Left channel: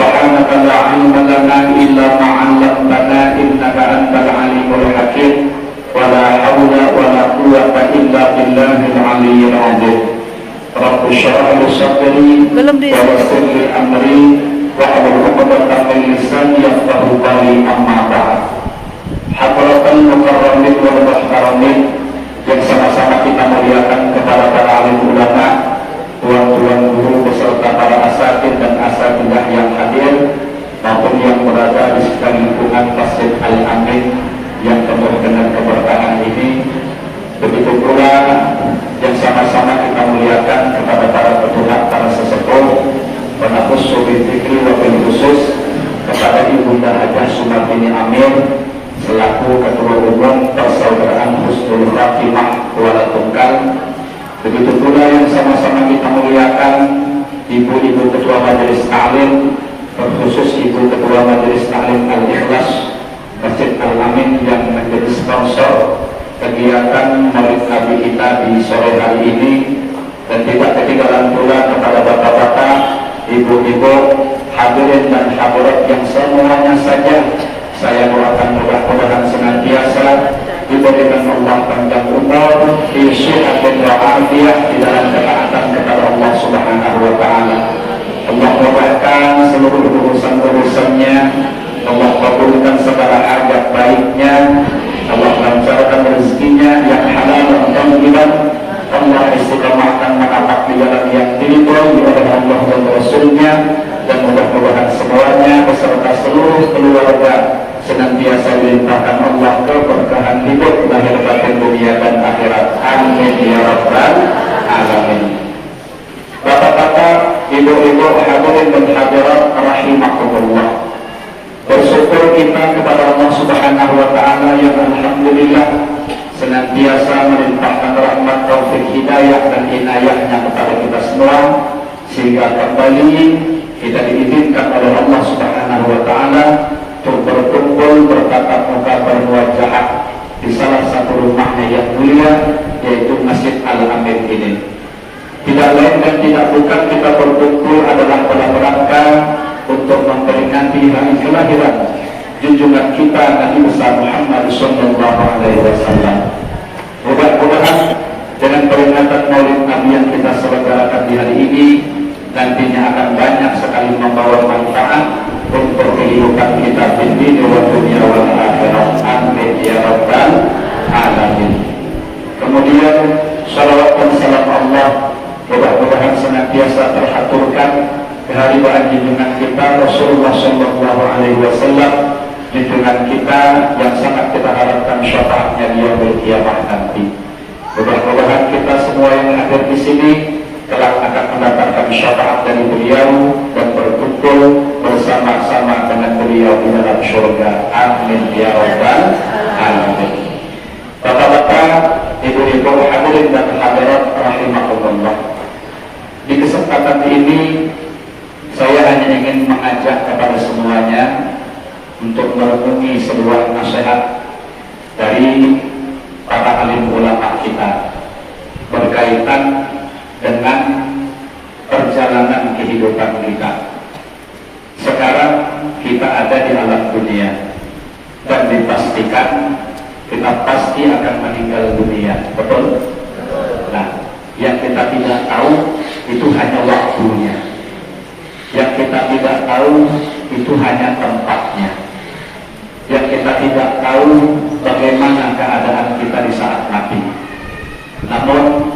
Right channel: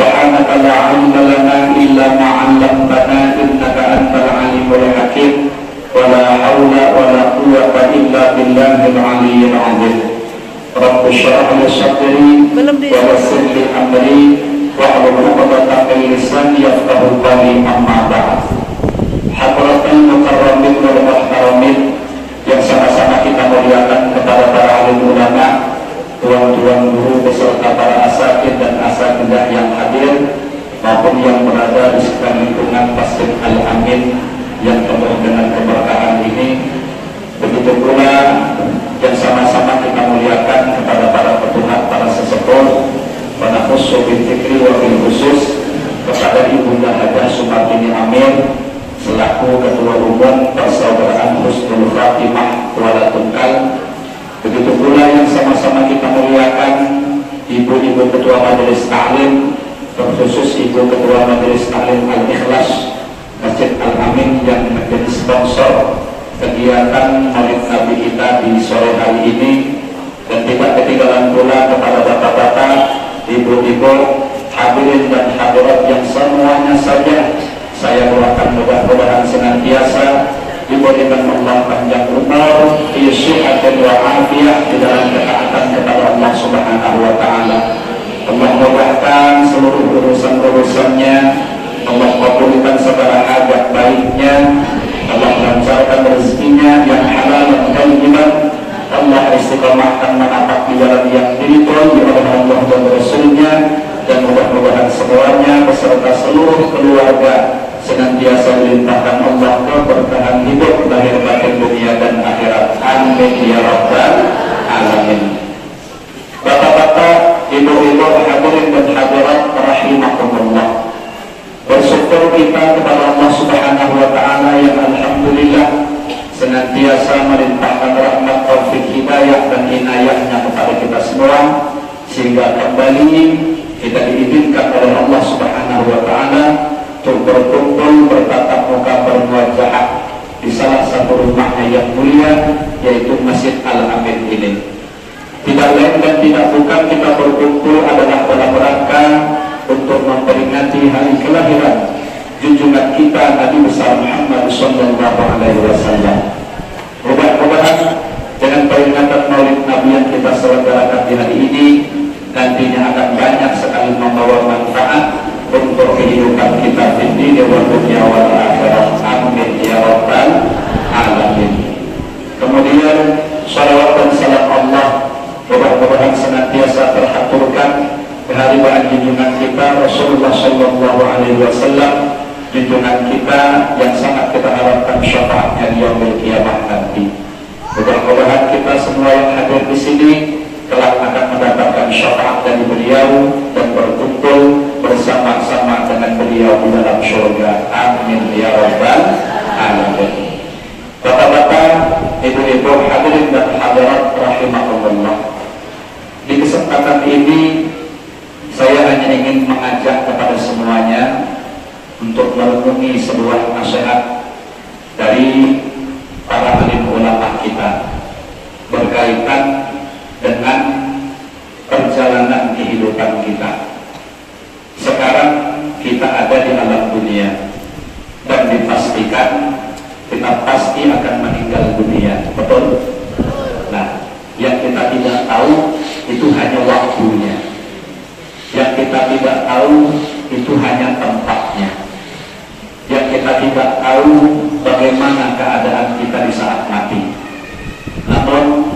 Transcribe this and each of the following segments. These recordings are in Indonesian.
Subhanaka la ilma lana illa ma 'allamtana innaka antal alimul hakim. Wa la haula wa la quwwata illa billahil aliyyil 'azim. Rabbi shrah li sadri wa yassir li amri wahlul 'uqdatam min lisani yafqahu qawli, amma ba'd. Hadratan mukarramin wal muhtaramin yang sama-sama kita muliakan kepada para alim ulama, tuan-tuan guru beserta para asatidz dan asatidzah yang hadir maupun yang berada di sekitar lingkungan Masjid Al-Amin yang penuh dengan keberkahan ini. Begitu pula yang sama-sama kita muliakan kepada para petugas, para sesepuh, para khusus fikri wabil khusus kepada Ibunda Hajah Sumartini Amir selaku Ketua Umum Persaudaraan Husnul Khatimah Kuala Tungkal. Begitu pula yang sama-sama kita muliakan Ibu-Ibu Ketua Majelis Taklim, terkhusus Ibu Ketua Majelis Taklim Al-Ikhlas Masjid Al-Amin yang menjadi sponsor kegiatan Maulid Nabi kita di sore hari ini, dan tidak ketinggalan pula kepada bapak-bapak, ibu-ibu, hadirin dan hadirat yang semuanya saja saya doakan mudah-mudahan senantiasa diberikan Allah panjang umur, sehat dan walafiat di dalam ketaatan kepada Allah Subhanahu wa Ta'ala. Allah mudahkan seluruh urusan-urusannya, Allah kabulkan segala hajat baiknya, Allah lancarkan rezekinya yang halal dan thayyiban, Allah istiqamahkan menapak di jalan yang diridhoi oleh Allah dan Rasulnya, dan mudah-mudahan semuanya beserta seluruh keluarga senantiasa dilimpahkan Allah keberkahan hidup lahir batin dunia dan akhirat. Amin ya rabbal alamin. Bapak-bapak, ibu-ibu, hadirin dan hadirat rahimakumullah. Bersyukur kita kepada Allah Subhanahu wa Ta'ala yang alhamdulillah senantiasa melimpahkan rahmat, taufik, hidayah dan inayahnya kepada kita semua, sehingga kembali kita diizinkan oleh Allah Subhanahu wa Ta'ala untuk berkumpul, bertatap muka, bermuajah di salah satu rumahnya yang mulia, yaitu Masjid Al-Amin ini. Tidak lain dan tidak bukan kita berkumpul adalah dalam rangka untuk memperingati hari kelahiran junjungan kita Nabi besar Muhammad sallallahu alaihi wasallam. Mudah-mudahan dengan peringatan Maulid Nabi yang kita selenggarakan di hari ini nantinya akan banyak sekali membawa manfaat untuk kehidupan kita di dunia wa dunia wal akhirat. Amin ya rabbal alamin. Kemudian salawat dan salam Allah mudah-mudahan senantiasa terhaturkan keharibaan junjungan kita Rasulullah sallallahu alaihi wasallam, junjungan kita yang sangat kita harapkan syafaatnya di yaumil qiyamah nanti. Mudah-mudahan kita semua yang hadir di sini kelak akan mendapatkan syafaat dari beliau dan berkumpul bersama-sama dengan beliau di dalam surga. Amin ya rabbal alamin. Bapak-bapak, ibu-ibu, hadirin dan hadirat rahimakumullah. Di kesempatan ini saya hanya ingin mengajak kepada semuanya untuk merenungi sebuah nasihat dari para alim ulama kita berkaitan dengan perjalanan kehidupan kita. Sekarang kita ada di alam dunia dan dipastikan kita pasti akan meninggal dunia, betul? Nah, yang kita tidak tahu itu hanya waktunya. Yang kita tidak tahu itu hanya tempatnya. Yang kita tidak tahu bagaimana keadaan kita di saat mati. Namun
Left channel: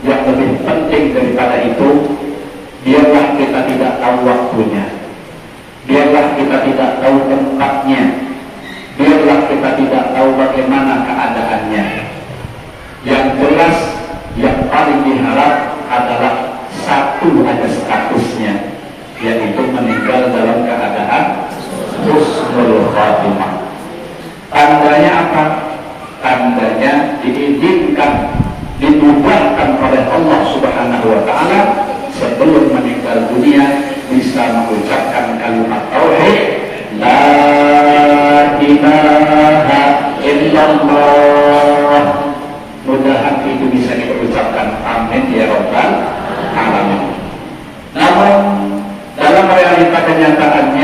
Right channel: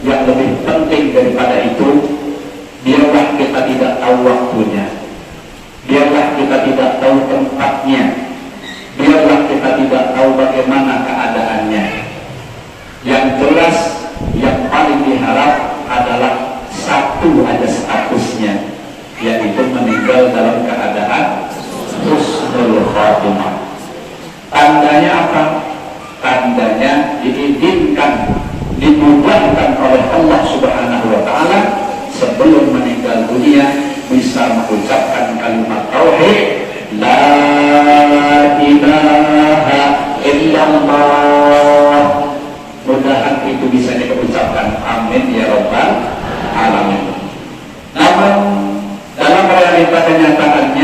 yang lebih penting daripada itu, biarlah kita tidak tahu waktunya, biarlah kita tidak tahu tempatnya, biarlah kita tidak tahu bagaimana keadaannya. Yang jelas, yang paling diharap adalah satu ada statusnya, yaitu meninggal dalam keadaan husnul khatimah. Tandanya apa? Tandanya diizinkan, dimudahkan oleh Allah Subhanahu wa Ta'ala sebelum meninggal dunia bisa mengucapkan kalimat tauhid la ilaha illallah. Mudah-mudahan itu bisa diucapkan. Amin ya rabbal alamin. Namun dalam realita kenyataannya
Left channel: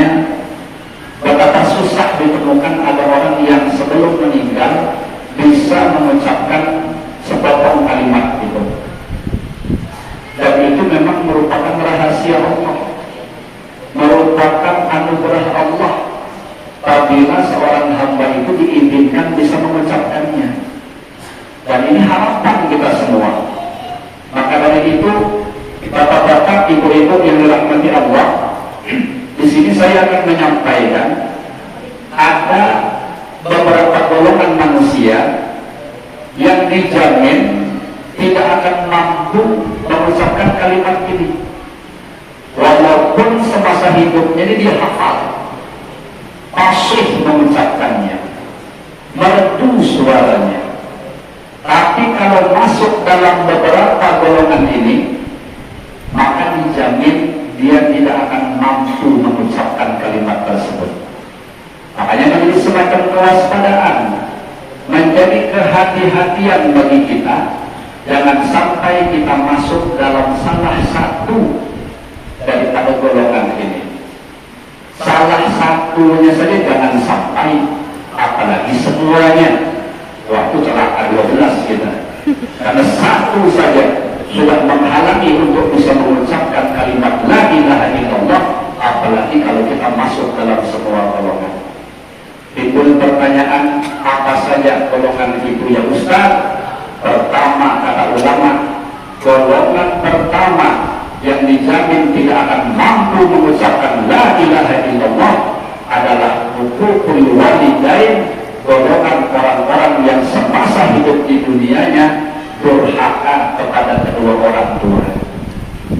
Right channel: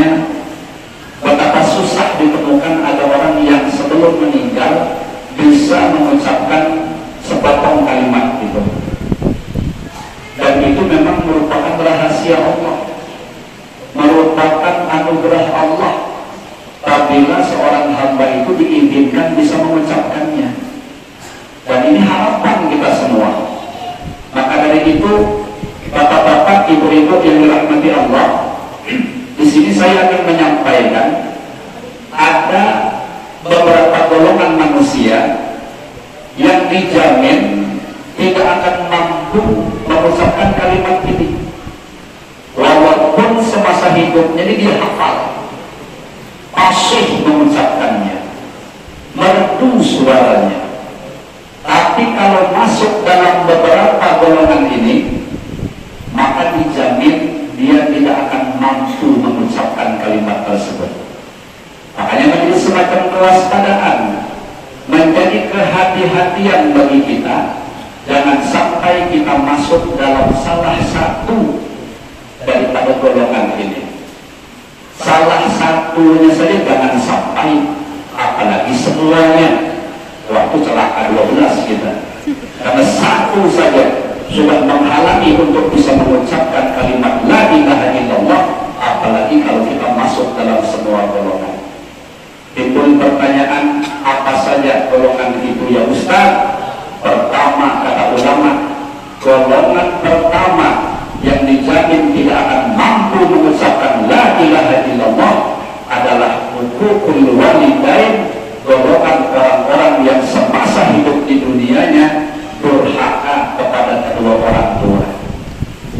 anugerah Allah apabila seorang hamba itu diizinkan bisa mengucapkannya. Dan ini harapan kita semua. Maka dari itu, bapak-bapak, ibu-ibu yang dirahmati Allah, di sini saya akan menyampaikan ada beberapa golongan manusia yang dijamin tidak akan mampu mengucapkan kalimat ini. Walaupun semasa hidupnya ini dia hafal, fasih mengucapkannya, merdu suaranya. Tapi kalau masuk dalam beberapa golongan ini, maka dijamin dia tidak akan mampu mengucapkan kalimat tersebut. Makanya Nabi serahkan kewaspadaan, menjadi kehati-hatian bagi kita. Jangan sampai kita masuk dalam salah satu daripada golongan ini. Salah satunya saja jangan sampai, apalagi semuanya. Waktu celaka 12 kita. Karena satu saja sudah menghalangi untuk bisa mengucapkan kalimat la ilaha illallah, apalagi kalau kita masuk dalam semua golongan. Timbul pertanyaan, apa saja golongan itu ya Ustaz? Pertama, kata ulama, golongan pertama yang dijamin tidak akan mampu mengucapkan la ilaha illallah adalah hukukul walidain, golongan orang-orang yang semasa hidup di dunianya durhaka kepada kedua orang tua.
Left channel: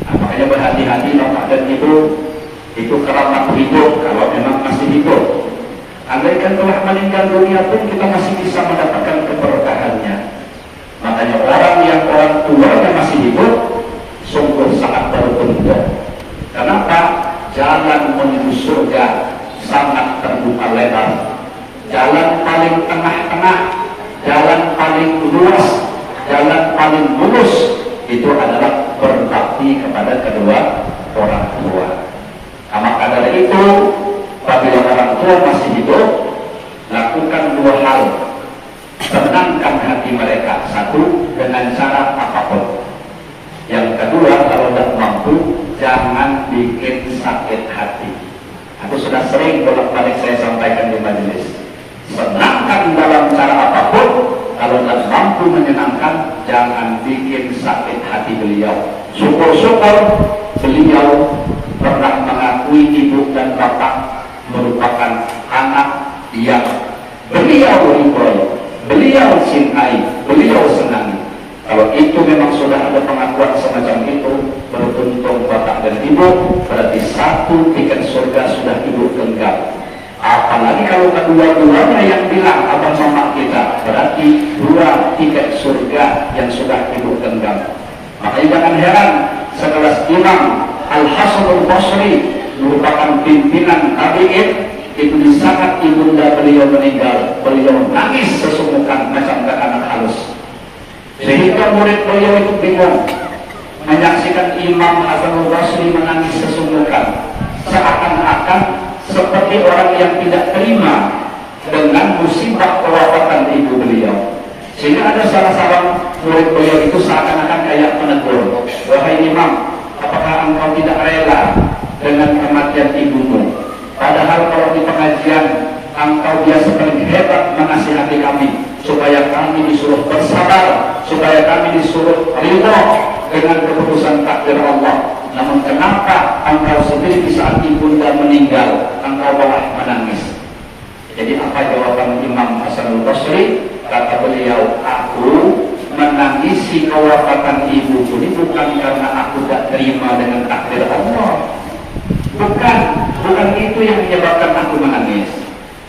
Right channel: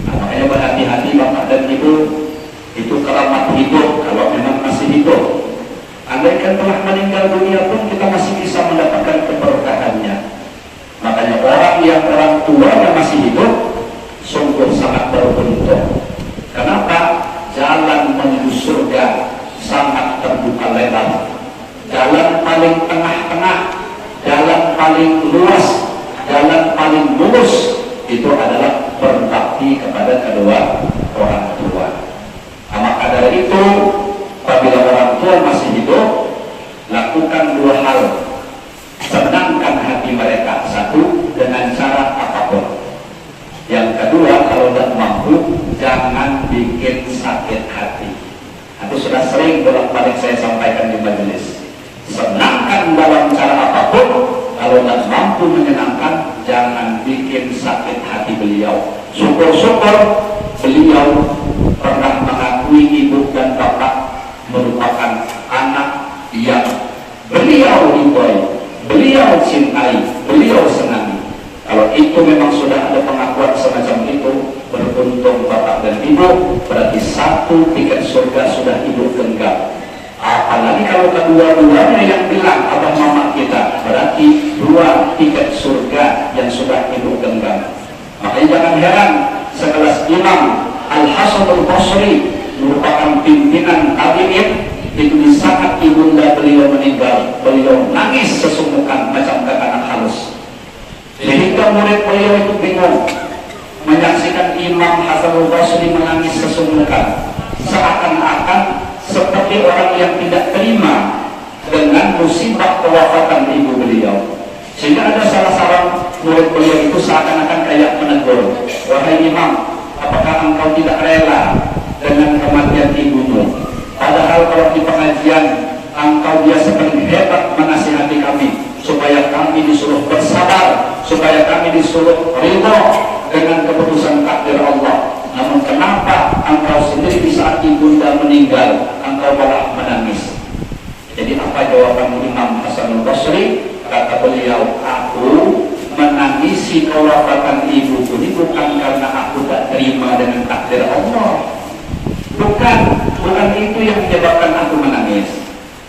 Nah, makanya berhati-hati bapak dan ibu, itu keramat hidup kalau memang masih hidup. Andaikan telah meninggal dunia pun kita masih bisa mendapatkan keberkahannya. Makanya orang yang orang tuanya masih hidup sungguh sangat beruntung. Kenapa? Jalan menuju surga sangat terbuka lebar. Jalan paling tengah-tengah, jalan paling luas, jalan paling mulus itu adalah berbakti kepada kedua orang tua. Nah, maka dari itu, apabila orang tua masih hidup, lakukan dua hal. Senangkan hati mereka, satu, dengan cara apapun. Yang kedua, kalau tidak mampu, jangan bikin sakit hati. Itu sudah sering bolak-balik saya sampaikan di majelis. Senangkan dalam cara apapun, kalau tidak mampu menyenangkan, jangan bikin sakit hati beliau. Syukur-syukur beliau pernah mengakui ibu dan bapak merupakan anak yang beliau ridhoi, beliau cintai, beliau senangi. Kalau itu memang sudah ada pengakuan semacam itu, beruntung bapak dan ibu, berarti satu tiket surga sudah ibu genggam. Apalagi kalau kedua-duanya yang bilang abang mama kita, berarti dua tiket surga yang sudah ibu genggam. Makanya jangan heran sekelas Imam Al-Hasan Al-Basri merupakan pimpinan tabi'in, itu di saat ibunda beliau meninggal, beliau nangis sesungguhkan macam anak halus. Sehingga murid beliau itu bingung menyaksikan Imam Hasan Al-Basri menangis sesungguhkan, seakan-akan seperti orang yang tidak terima dengan musibah kewafatan ibu beliau. Sehingga ada salah seorang murid beliau itu seakan-akan kayak menegur, wahai Imam, apakah engkau tidak rela dengan kematian ibumu? Padahal kalau di pengajian engkau biasa paling hebat menasihati kami supaya kami disuruh bersabar, supaya kami disuruh ridho dengan keputusan takdir Allah. Namun kenapa engkau sendiri di saat ibunda meninggal engkau malah menangis? Jadi apa jawaban Imam Hasan Al-Basri? Kata beliau, aku menangisi kewafatan ibuku ini bukan karena aku tak terima dengan takdir Allah. Bukan itu yang menyebabkan aku menangis.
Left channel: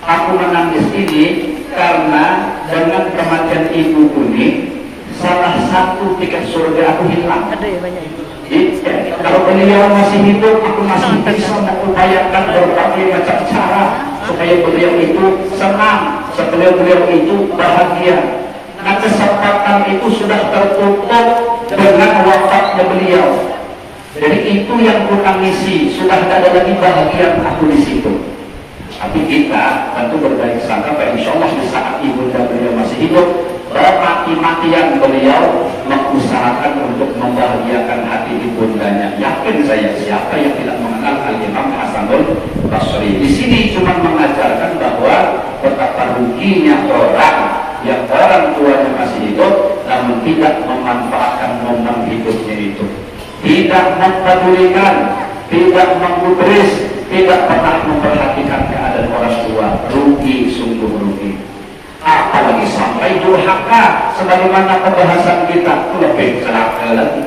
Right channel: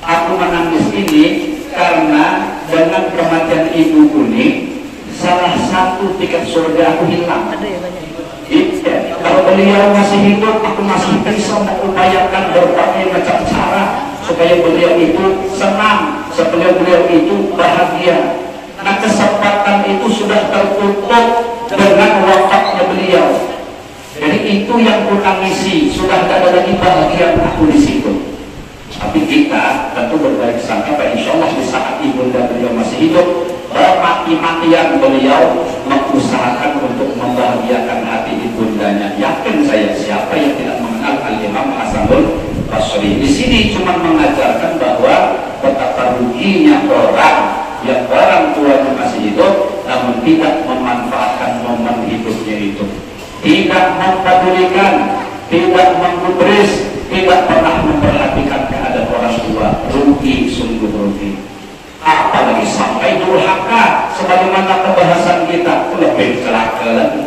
Aku menangis ini karena dengan kematian ibuku ini salah satu tiket surga aku hilang. Kalau beliau masih hidup, aku masih bisa mengupayakan berbagai macam cara supaya beliau itu senang, supaya beliau itu bahagia. Nah, kesempatan itu sudah tertutup dengan wafatnya beliau. Jadi itu yang ku tangisi, sudah tidak ada lagi bahagia aku di situ. Tapi kita tentu berbaik sangka, insya Allah di saat ibunda beliau masih hidup, mati-matian beliau mengusahakan untuk membahagiakan hati ibundanya. Yakin saya, siapa yang tidak mengenal Al-Imam Hasanul Basri Basri. Di sini cuma mengajarkan bahwa betapa ruginya orang yang orang tuanya masih hidup namun tidak memanfaatkan momen hidupnya itu, tidak mempedulikan, tidak menggubris, tidak pernah memperhatikan keadaan orang tua. Rugi, sungguh rugi. Apalagi sampai durhaka, sebagaimana pembahasan kita, lebih celaka lagi.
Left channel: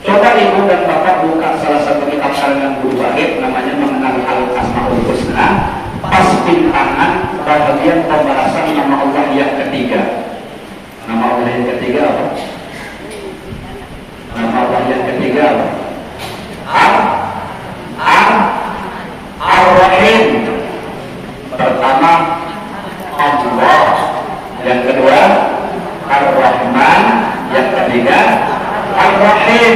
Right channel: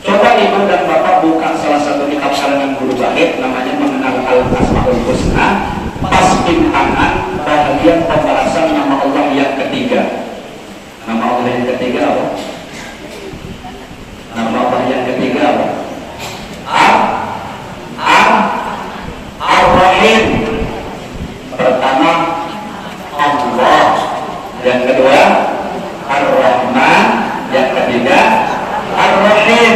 Coba ibu dan bapak buka salah satu kitab karangan Guru Wahid, namanya Mengenal Al-Asmaul Husna, pas bintangan bagian pembahasan nama Allah yang ketiga. Nama Allah yang ketiga apa? Nama Allah yang ketiga apa? Ar-Rahim. Pertama Allah, yang kedua Ar-Rahman, yang ketiga Ar-Rahim.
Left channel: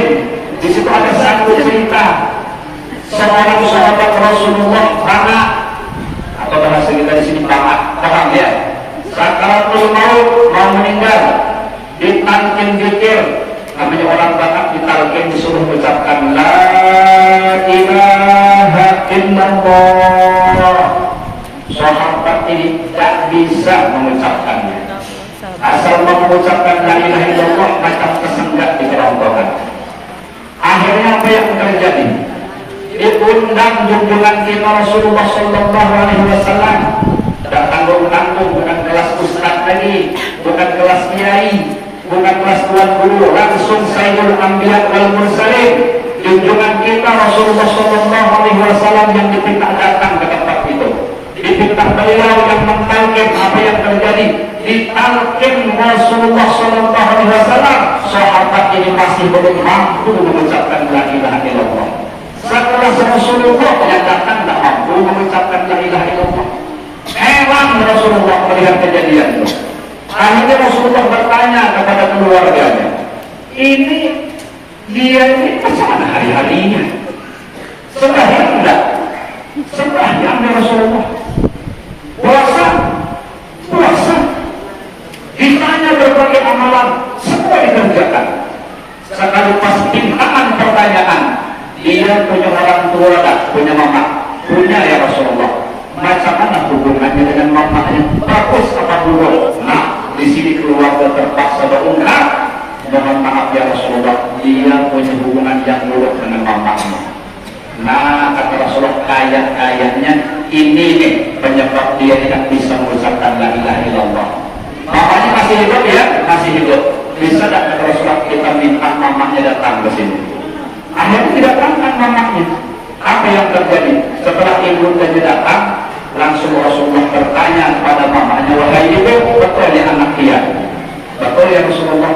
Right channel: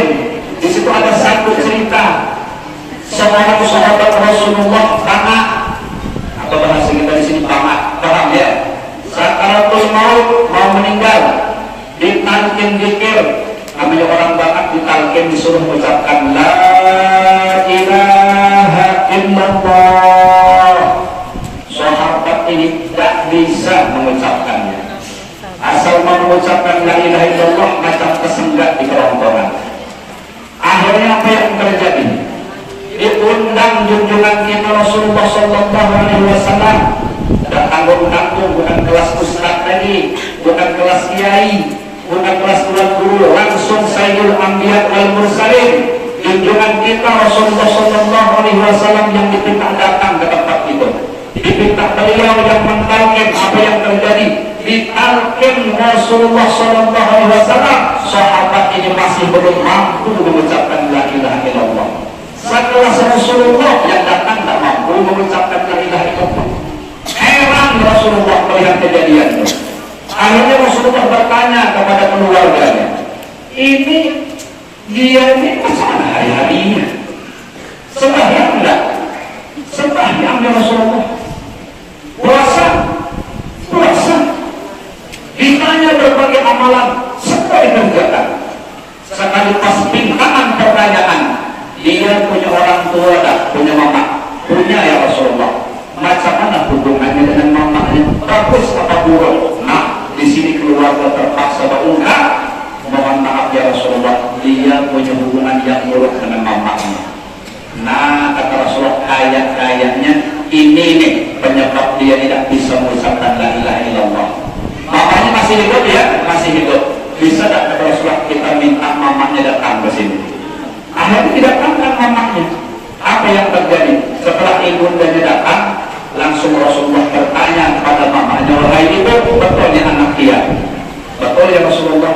Di situ ada satu cerita seorang sahabat Rasulullah, anak atau bahasa kita di sini paham ya. Sakaratul maut, mau meninggal, ditalkin zikir. Namanya orang Batak ditalkin disuruh mengucapkan la ilaha illallah. Sahabat ini tidak bisa mengucapkannya. Asal mau mengucapkan la ilaha illallah macam kesenggak di kerongkongan. Akhirnya apa yang terjadi? Diundang junjungan kita Rasulullah Sallallahu Alaihi Wasallam. Datang tanggung bukan kelas ustaz lagi, bukan kelas kiai, bukan kelas tuan guru, langsung Sayyidul Anbiya wal Mursalin. Junjungan kita Rasulullah Sallallahu Alaihi Wasallam yang dipinta datang ke tempat itu. Dipinta beliau yang mentalkin apa yang terjadi. Ditalkin Rasulullah Sallallahu Alaihi Wasallam, sahabat ini masih belum mampu mengucapkan la ilaha illallah. Setelah Rasulullah yang datang tidak mampu mengucapkan la ilaha illallah. Heran Rasulullah melihat kejadian itu. Akhirnya Rasulullah bertanya kepada keluarganya, ini dia ini kesana hari-harinya sembahyang enggak? Sembahyang ya Rasulullah. Puasa, ditanya berbagai amalan, semua dikerjakan. Sekali pas pintaan pertanyaan, dia punya orang tua tak? Punya mama? Punya ya Rasulullah. Macam mana hubungannya dengan mamanya? Bagus apa buruk? Nah, di sini keluarga terpaksa berungkap. Mohon maaf ya Rasulullah, dia punya hubungan yang buruk dengan mamanya. Nah, kata Rasulullah, kayaknya ini nih penyebab dia tidak bisa mengucapkan la ilaha illallah. Mamanya masih hidup ya? Masih hidup. Bisa tak kata Rasulullah kita minta mamanya datang ke sini? Akhirnya didatangkan mamanya. Apa yang terjadi? Setelah ibundanya datang, langsung Rasulullah bertanya kepada mamanya, wahai ibu, betul ya anak pian? Betul ya Rasulullah?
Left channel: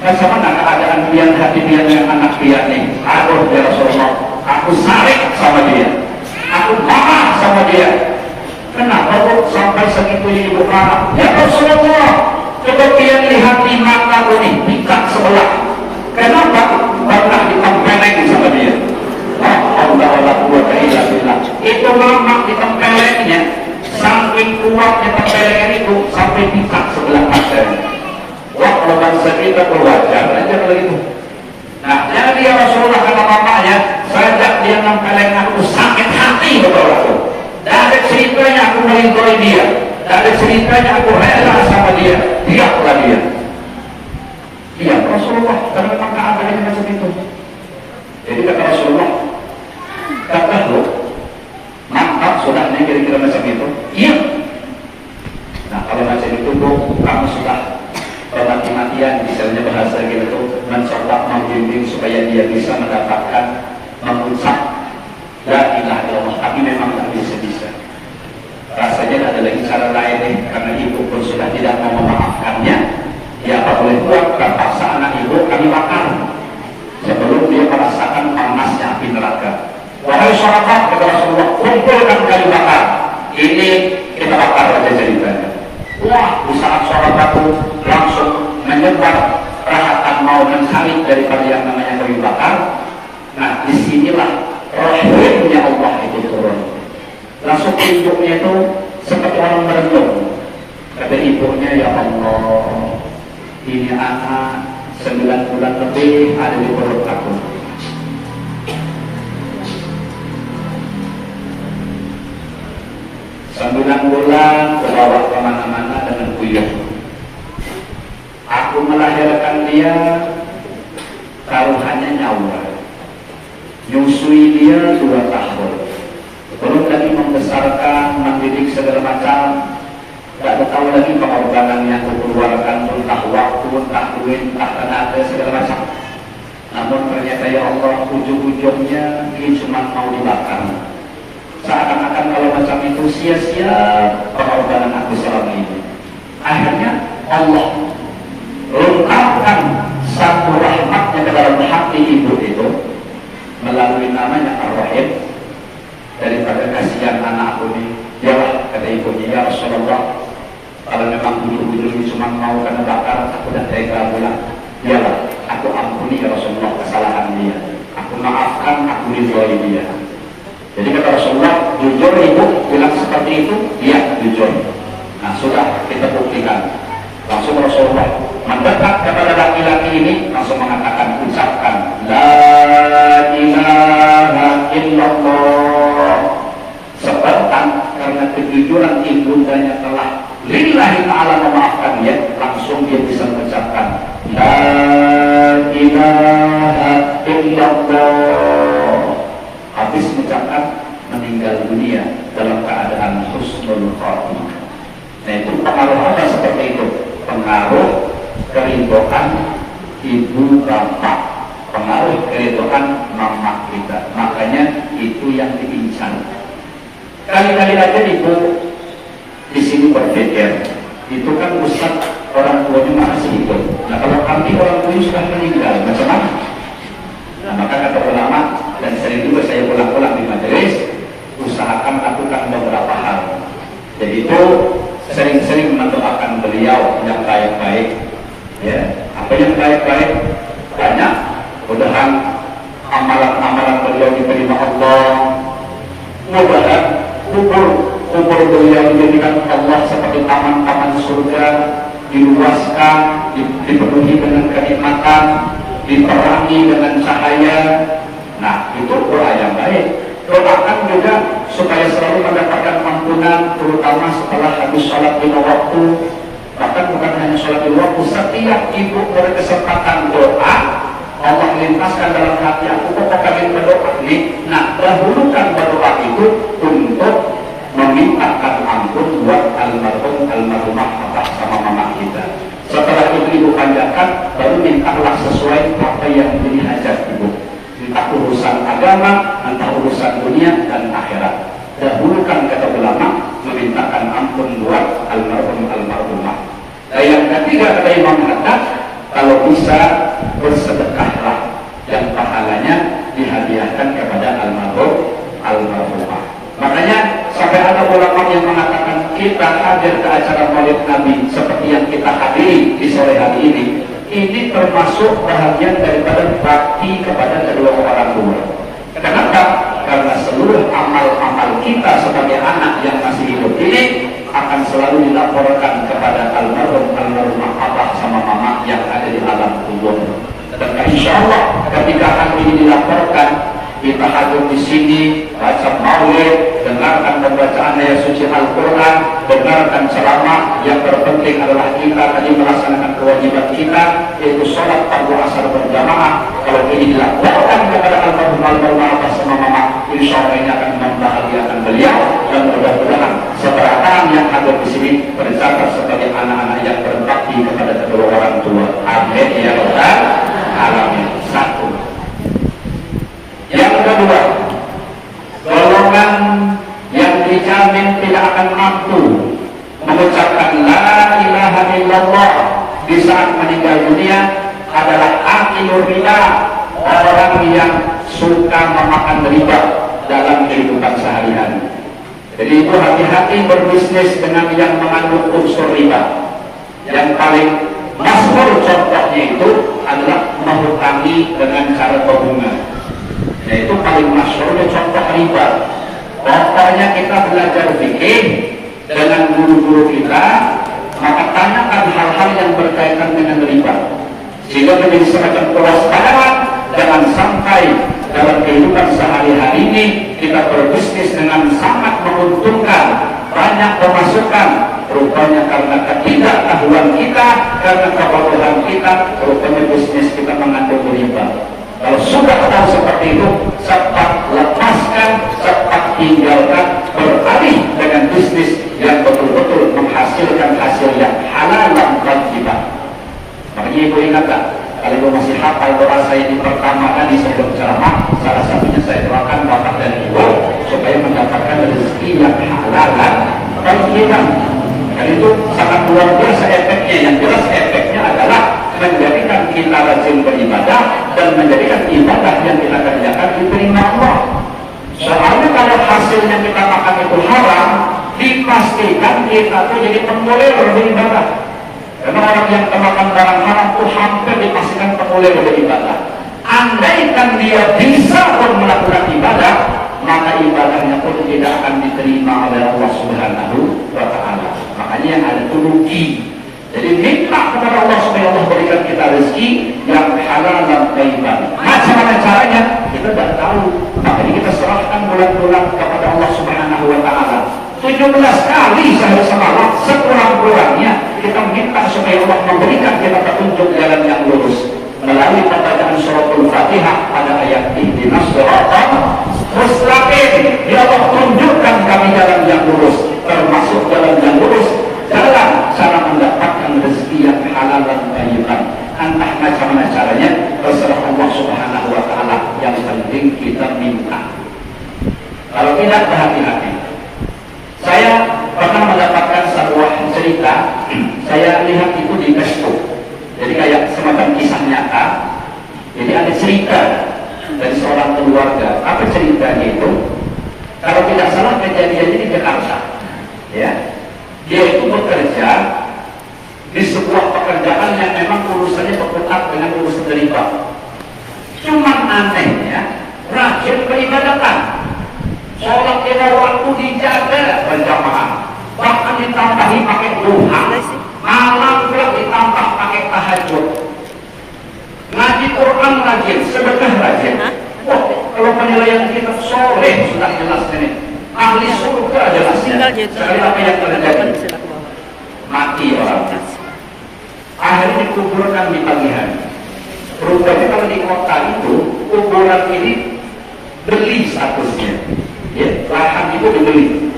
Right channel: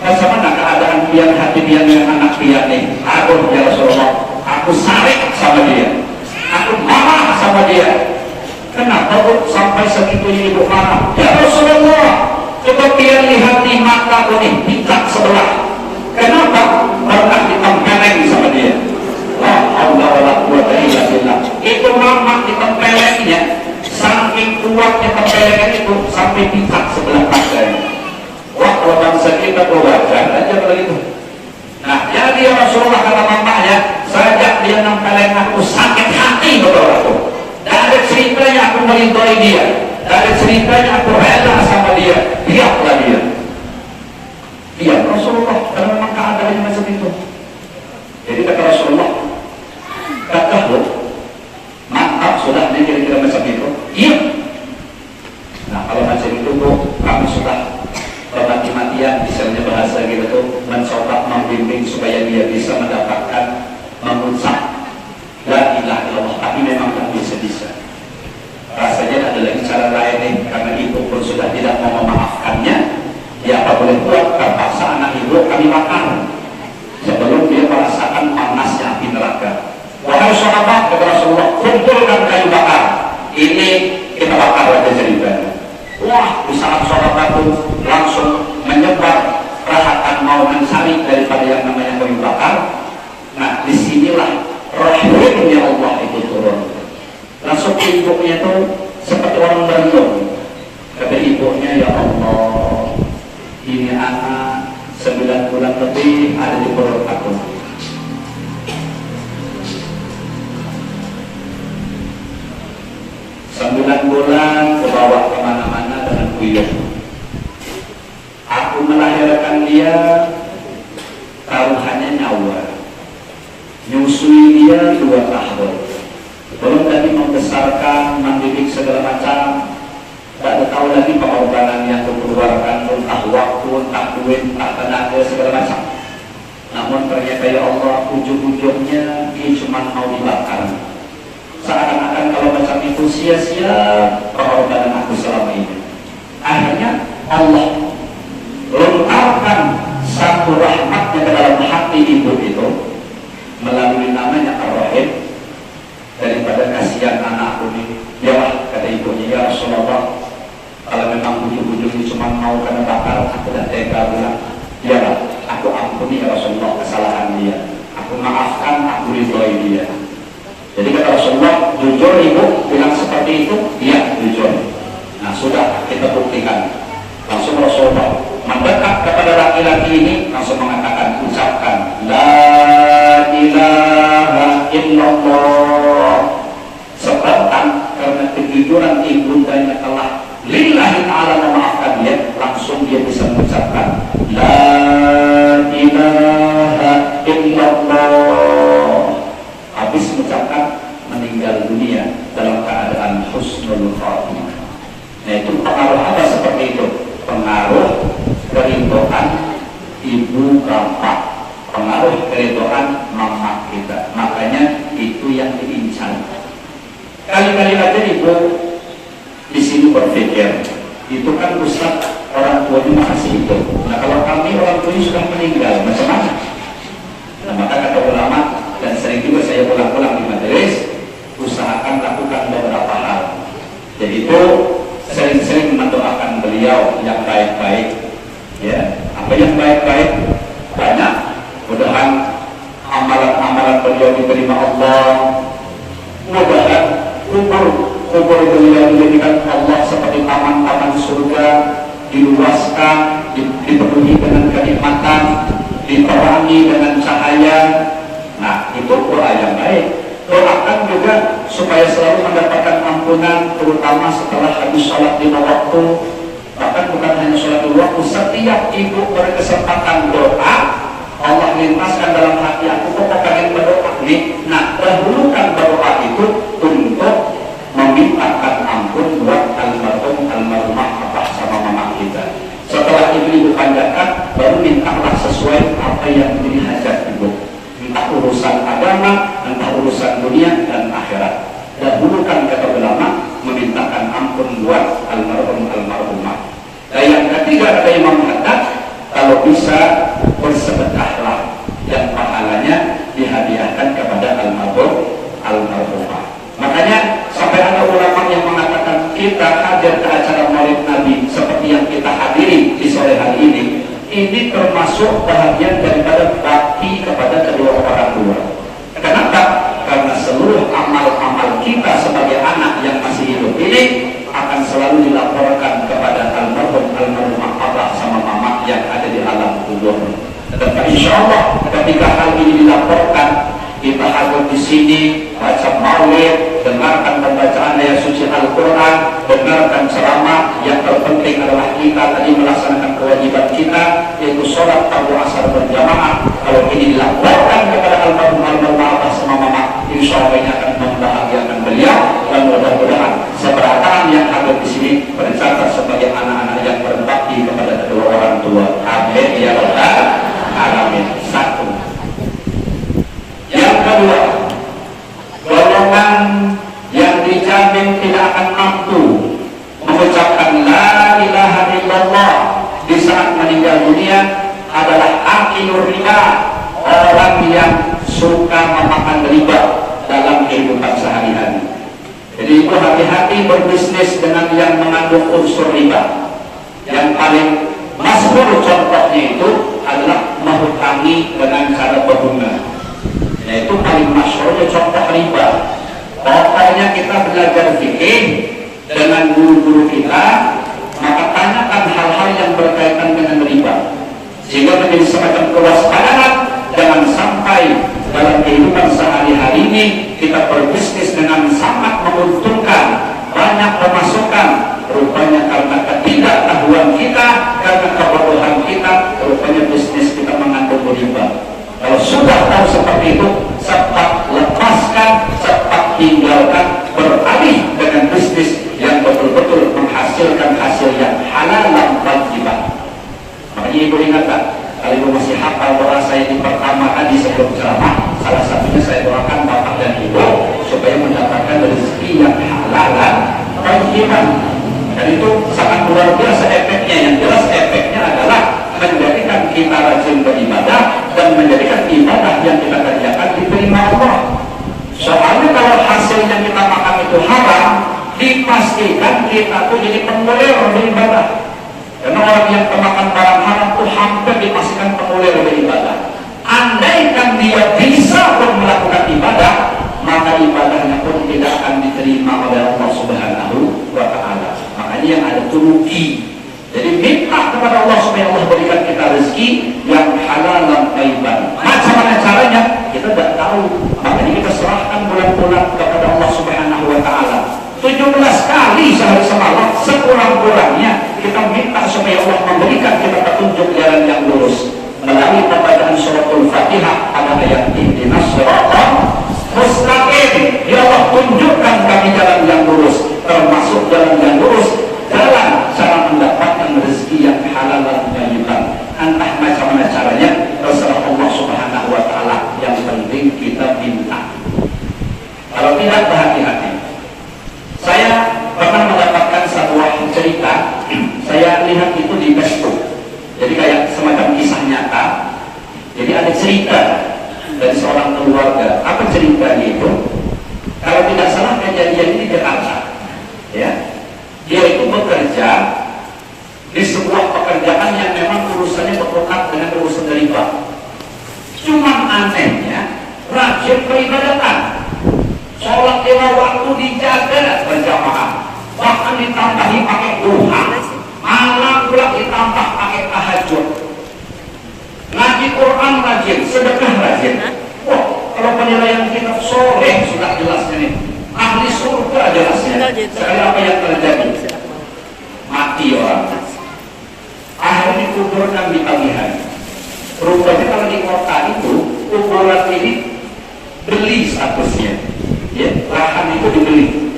Bagaimana keadaan pian hati pian dengan anak pian nih? Aduh ya Rasulullah, aku sarik sama dia, aku marah sama dia. Kenapa kok sampai segitunya ibu marah? Ya Rasulullah, coba pian lihat di mata ini, pikat sebelah. Kenapa? Pernah ditempeleng sama dia. Itu lama ditempelengnya, saking kuatnya tempelengan itu sampai pikat sebelah kanan. Wah, kalau bangsa kita berwajar aja kalau itu. Nah, jadi ya Rasulullah kata mamanya, sejak dia nempeleng aku sakit hati betul aku. Dari ceritanya aku melindungi dia, dari ceritanya aku rela sama dia, biarlah dia. Iya Rasulullah, karena maka adanya macam itu. Jadi kata Rasulullah, kata lo, mantap sudah nih kira-kira macam itu. Iya. Nah kalau macam itu kamu sudah mati-matian, misalnya bahasa gitu tuh, mencoba membimbing supaya dia bisa mendapatkan mengucap la ilaha illallah, tapi memang tak bisa. Rasanya ada lagi cara lain nih, karena ibu pun sudah tidak mau memaafkannya. Ya apa boleh buat, terpaksa anak ibu kami makan sebelum dia merasakan panasnya api neraka. Wahai sahabat, kata Rasulullah, kumpulkan kayu bakar. Ini kita bakar aja ceritanya. Wah, usaha sahabat itu langsung menyebar perhatian mau mencari daripada yang namanya kayu bakar. Nah, disinilah rahimnya Allah itu turun. Langsung hidupnya itu seperti orang berlindung. Kata ibunya, ya Allah, ini anak 9 bulan lebih ada di perut aku. bulan-bulan kebawa kemana-mana dengan buyut. Aku melahirkan dia, taruhannya nyawa, nyusui dia 2 tahun, belum lagi membesarkan, mendidik segala macam. Tidak tahu lagi pengorbanan yang dikeluarkan, entah waktu, entah duit, entah tenaga, segala macam. Namun ternyata ya Allah, ujung-ujungnya dia cuma mau dibakar. Seakan-akan kalau macam itu sia-sia pengorbanan aku selama ini. Akhirnya Allah lengkapkan satu rahmatnya ke dalam hati ibu itu melalui namanya Ar-Rahim. Daripada kasihan anakku ini, ya kata ibunya, ya Rasulullah, kalau memang bulu-bulu ini cuma mau kena bakar, aku dan tega bilang, ya aku ampuni ya Rasulullah kesalahan dia, aku maafkan, aku ridhoi dia. Jadi kata Rasulullah, jujur ibu bilang seperti itu, iya jujur. Nah sudah kita buktikan. Langsung Rasulullah mendekat kepada laki-laki ini, langsung mengatakan, ucapkan la ilaha illallah. Sebabkan karena kejujuran ibundanya telah lillahi ta'ala memaafkan dia, langsung dia bisa mengucapkan la ilaha illallah. Habis mengucapkan, meninggal dunia dalam keadaan husnul khatimah. Nah itu pengaruh apa seperti itu? Pengaruh keridhaan ibu bapak, pengaruh keridhaan mama kita. Makanya itu yang diincar. Kali-kali aja ibu di sini berpikir, itu kan ustaz orang tuanya masih hidup. Nah kalau kami orang tuanya sudah meninggal, bagaimana? Nah maka kata ulama, dan sering juga saya ulang-ulang di majelis, usahakan lakukan beberapa hal. Jadi itu sering-sering mendoakan beliau yang baik-baik. Ya, apa yang baik-baik? Banyak. Mudah-mudahan amalan-amalan beliau diterima Allah. Mudah-mudahan kubur beliau dijadikan Allah seperti taman-taman surga, diluaskan, dipenuhi dengan kenikmatan, diterangi dengan cahaya. Nah, itu doa yang baik. Doakan juga supaya selalu mendapatkan ampunan, terutama setelah habis sholat 5 waktu. Bahkan bukan hanya sholat 5 waktu, setiap ibu berkesempatan doa, Allah lintaskan dalam hati aku, kok pengen berdoa nih. Nah, dahulukan berdoa itu untuk memintakan ampun buat almarhumah bapak sama mama kita. Setelah itu ibu kandakan, baru mintalah sesuai apa yang menjadi hajat ibu. Entah urusan agama, entah urusan dunia dan akhirat. Dahulukan kata ulama, memintakan ampun buat almarhumah. Dan yang ketiga ada Imam Haddad, kalau bisa bersedekahlah yang pahalanya dihadiahkan kepada almarhumah. Makanya sampai ada ulama yang mengatakan kita hadir ke acara Maulid Nabi seperti yang kita hadiri di sore hari ini termasuk bahagian daripada bakti kepada kedua orang tua. Kenapa? Karena seluruh amal-amal kita sebagai anak yang masih hidup ini akan selalu dilaporkan kepada almarhumah abah sama mama yang ada di alam kubur. Dan insya Allah ketika hal ini dilaporkan, kita hadir di sini, baca maulid, dengarkan pembacaan ayat suci Al-Quran, dengarkan ceramah. Yang terpenting adalah kita tadi melaksanakan kewajiban kita, yaitu sholat fardu asar berjamaah. Kalau ini dilaporkan kepada almarhumah sama mama, insya Allah ini akan membahagiakan beliau. Dan mudah-mudahan seberapa yang hadir di sini tercatat sebagai anak-anak yang berbakti kepada kedua orang tua. Amin ya rabbal alamin. Satu. Yang kedua, golongan yang dijamin tidak akan mampu mengucapkan la ilaha illallah di saat meninggal dunia adalah akilur riba, orang yang suka memakan riba dalam kehidupan sehari-hari. Jadi itu hati-hati berbisnis dengan yang mengandung unsur riba. Yang paling masyhur contohnya itu adalah menghutangi dengan cara berbunga. Nah, itu paling masyhurnya contoh riba. Pokoknya kita belajar fikih dengan guru-guru kita, maka tanyakan hal-hal yang berkaitan dengan riba, sehingga menjadi semacam kewaspadaan. Jangan sampai dalam kehidupan sehari-hari ini kita berbisnis dengan sangat menguntungkan, banyak pemasukan, rupanya karena ketidaktahuan kita, karena kebodohan kita, rupanya bisnis kita mengandung riba. Kalau sudah tahu seperti itu, cepat lepaskan, cepat tinggalkan, beralih dengan bisnis yang betul-betul menghasilkan hasil yang halal dan tayyiban. Makanya ibu ingatkan, kalau ibu masih hafal doa saya di pertama kali sebelum ceramah, salah satunya saya doakan bapak dan ibu supaya mendapatkan rezeki yang halal dan tayyiban. Dan itu sangat luar biasa efeknya. Yang jelas efeknya adalah menjadikan kita rajin beribadah dan menjadikan ibadah yang kita kerjakan diterima Allah. Soalnya kalau hasilnya kita makan itu haram, dipastikan kita tuh jadi pemulir beribadah. Karena orang yang kemakan barang haram itu hampir dipastikan pemulir beribadah. Andaikan dia bisa pun melakukan ibadah, maka ibadahnya pun tidak akan diterima oleh Allah Subhanahu wa Ta'ala. Makanya yang ada itu rugi. Jadi minta kepada Allah supaya Allah berikan kita rezeki yang halal dan tayyiban. Macam mana caranya? Kita tidak tahu. Makanya kita serahkan bulan-bulan kepada Allah Subhanahu wa Ta'ala. 17 kali sehari semalam, sekurang-kurangnya kita minta supaya Allah memberikan kita petunjuk jalan yang lurus melalui pembacaan suratul Fatihah pada ayat ihdinas shiratal mustaqim. Ya Allah, tunjukkan kami jalan yang lurus, termasuk jalan yang lurus, jalan cara mendapatkan rezeki yang halal dan tayyiban. Entah macam mana caranya, terserah Allah Subhanahu wa Ta'ala. Yang penting kita minta. Kalau tidak, berhati-hati. Saya pernah mendapatkan sebuah cerita, saya lihat itu di Facebook. Jadi kayak semacam kisah nyata. Jadi ada cerita dari seorang keluarga. Apa ceritanya itu? Kalau tidak salah kejadian ini di Jakarta. Ya, dia itu bekerja di sebuah pekerjaan yang memang urusannya berhubungan dengan urusan riba. Cuma anehnya rajin peribadatan. Sholat lima waktu dijaga berjamaah, bahkan ditambahi pakai duha, malam pula ditambah pakai tahajud, ngaji Quran rajin, sedekah rajin. Wah, kalau penilaian kita sore sudah jelas ini, ahli surga jelasnya. Sekali apa yang terjadi? Mati orang. Akhirnya dikuburkan di pagi hari. Rupanya kalau di kota itu kuburan ini beli statusnya. Ya, lahan itu dibeli.